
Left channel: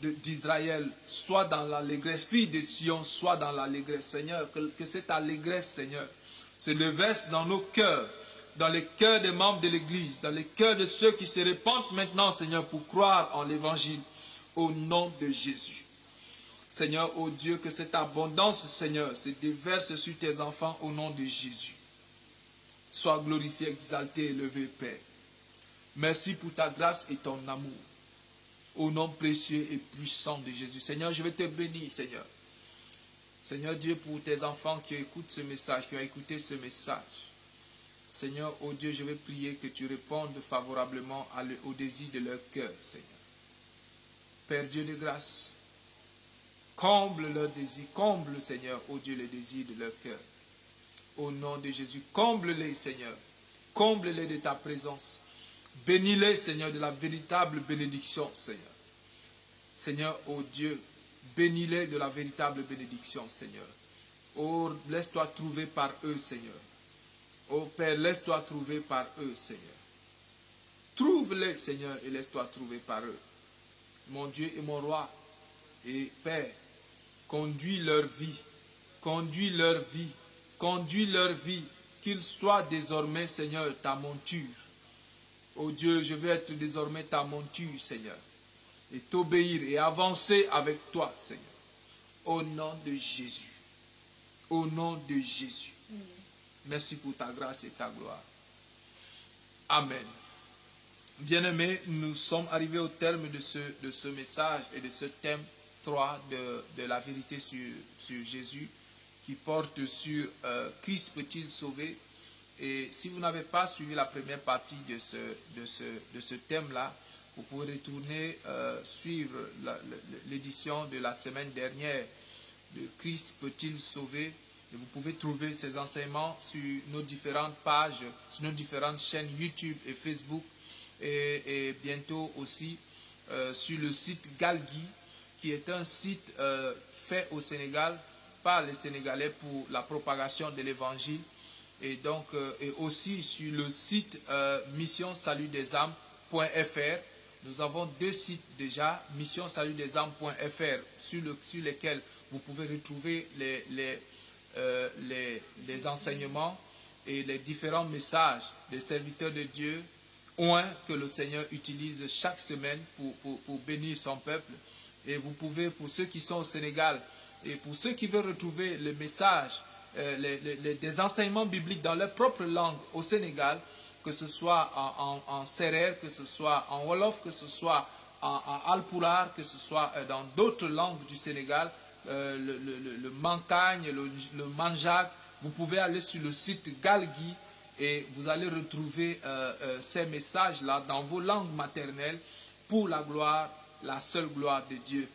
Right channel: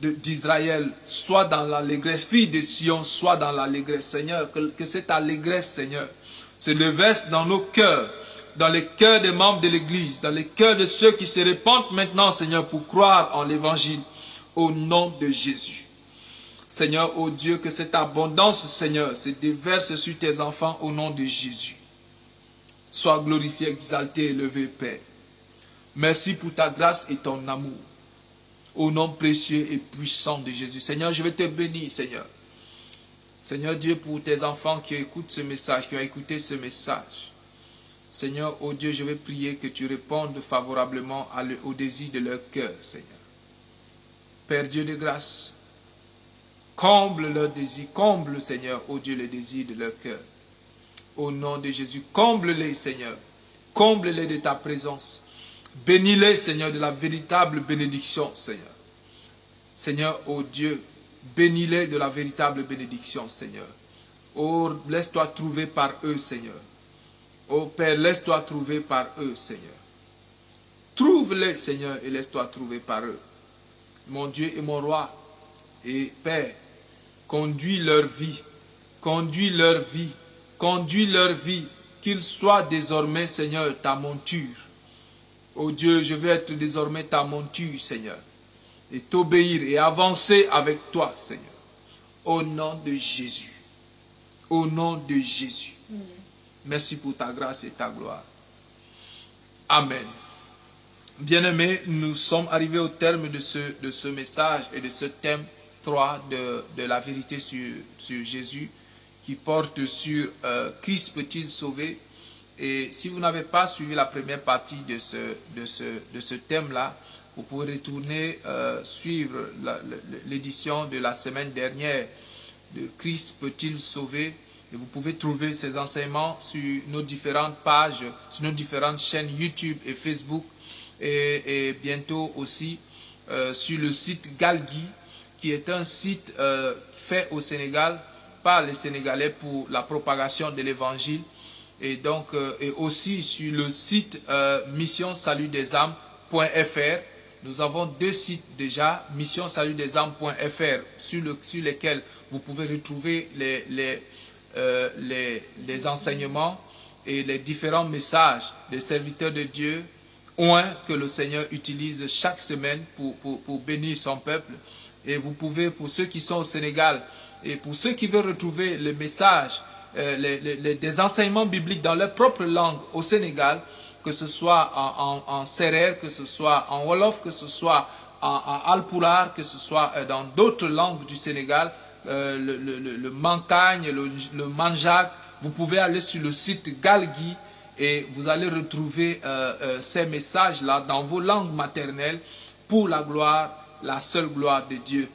d'Israël, sois dans l'allégresse. Fille de Sion, sois dans l'allégresse, Seigneur. Que cette allégresse, Seigneur, se déverse dans nos cœurs, dans les cœurs des membres de l'Église, dans les cœurs de ceux qui se répandent maintenant, Seigneur, pour croire en l'Évangile, au nom de Jésus. Seigneur, oh Dieu, que cette abondance, Seigneur, se déverse sur tes enfants au nom de Jésus. Sois glorifié, exalté, élevé, Père. Merci pour ta grâce et ton amour. Au nom précieux et puissant de Jésus. Seigneur, je vais te bénir, Seigneur. Seigneur Dieu, pour tes enfants qui écoutent ce message, qui ont écouté ce message. Seigneur, oh Dieu, je vais prier que tu répondes favorablement au désir de leur cœur, Seigneur. Père Dieu de grâce, comble leur désir, comble, Seigneur, oh Dieu, le désir de leur cœur. Au nom de Jésus, comble-les, Seigneur. Comble-les de ta présence. Bénis-les, Seigneur, de la véritable bénédiction, Seigneur. Seigneur, oh Dieu, bénis-les de la véritable bénédiction, Seigneur. Oh, laisse-toi trouver par eux, Seigneur. Oh Père, laisse-toi trouver par eux, Seigneur. Trouve-les, Seigneur, et laisse-toi trouver par eux. Mon Dieu et mon roi, et Père, conduis leur vie, conduis leur vie, conduis leur vie, qu'ils soient désormais, Seigneur, ta monture. Oh Dieu, je veux être désormais ta monture, Seigneur, et t'obéir et avancer avec toi, Seigneur. Au nom de Jésus. Au nom de Jésus. Merci pour ta grâce et ta gloire. Amen. Bien-aimés, nous sommes arrivés au terme de ce message et de ce thème 3 de la vérité sur Jésus, qui porte sur Christ peut-il sauver. Et si vous n'avez pas suivi la première partie de ce thème-là, vous pouvez retourner suivre l'édition de la semaine dernière de Christ peut-il sauver. Et vous pouvez trouver ces enseignements sur nos différentes pages, sur nos différentes chaînes YouTube et Facebook, et bientôt aussi sur le site Galgui, qui est un site fait au Sénégal par les Sénégalais pour la propagation de l'Évangile. Et donc, et aussi sur le site missionsalutdesâmes.fr. Nous avons 2 sites déjà, missionsalutdesâmes.fr, sur lesquels vous pouvez retrouver les enseignements et les différents messages des serviteurs de Dieu, que le Seigneur utilise chaque semaine pour bénir son peuple. Et vous pouvez, pour ceux qui sont au Sénégal, et pour ceux qui veulent retrouver les messages, des enseignements bibliques dans leur propre langue au Sénégal, que ce soit en Serer, que ce soit en Wolof, que ce soit en Alpulaar, que ce soit dans d'autres langues du Sénégal, le Mankagne, le Manjak, vous pouvez aller sur le site Galgui et vous allez retrouver ces messages-là dans vos langues maternelles pour la gloire, la seule gloire de Dieu.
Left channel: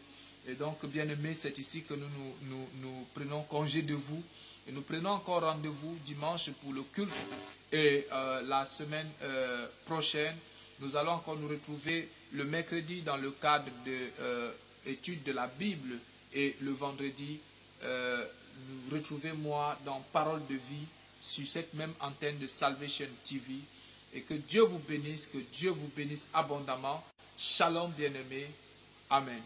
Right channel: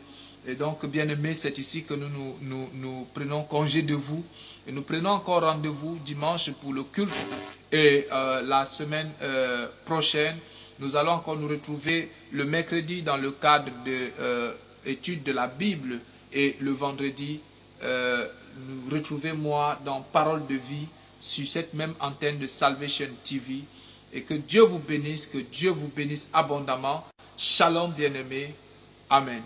Et donc, bien-aimés, c'est ici que nous prenons congé de vous. Et nous prenons encore rendez-vous dimanche pour le culte. Et la semaine prochaine, nous allons encore nous retrouver le mercredi dans le cadre de l'étude de la Bible. Et le vendredi, retrouvez-moi dans Parole de vie sur cette même antenne de Salvation TV. Et que Dieu vous bénisse abondamment. Shalom, bien-aimés. Amen.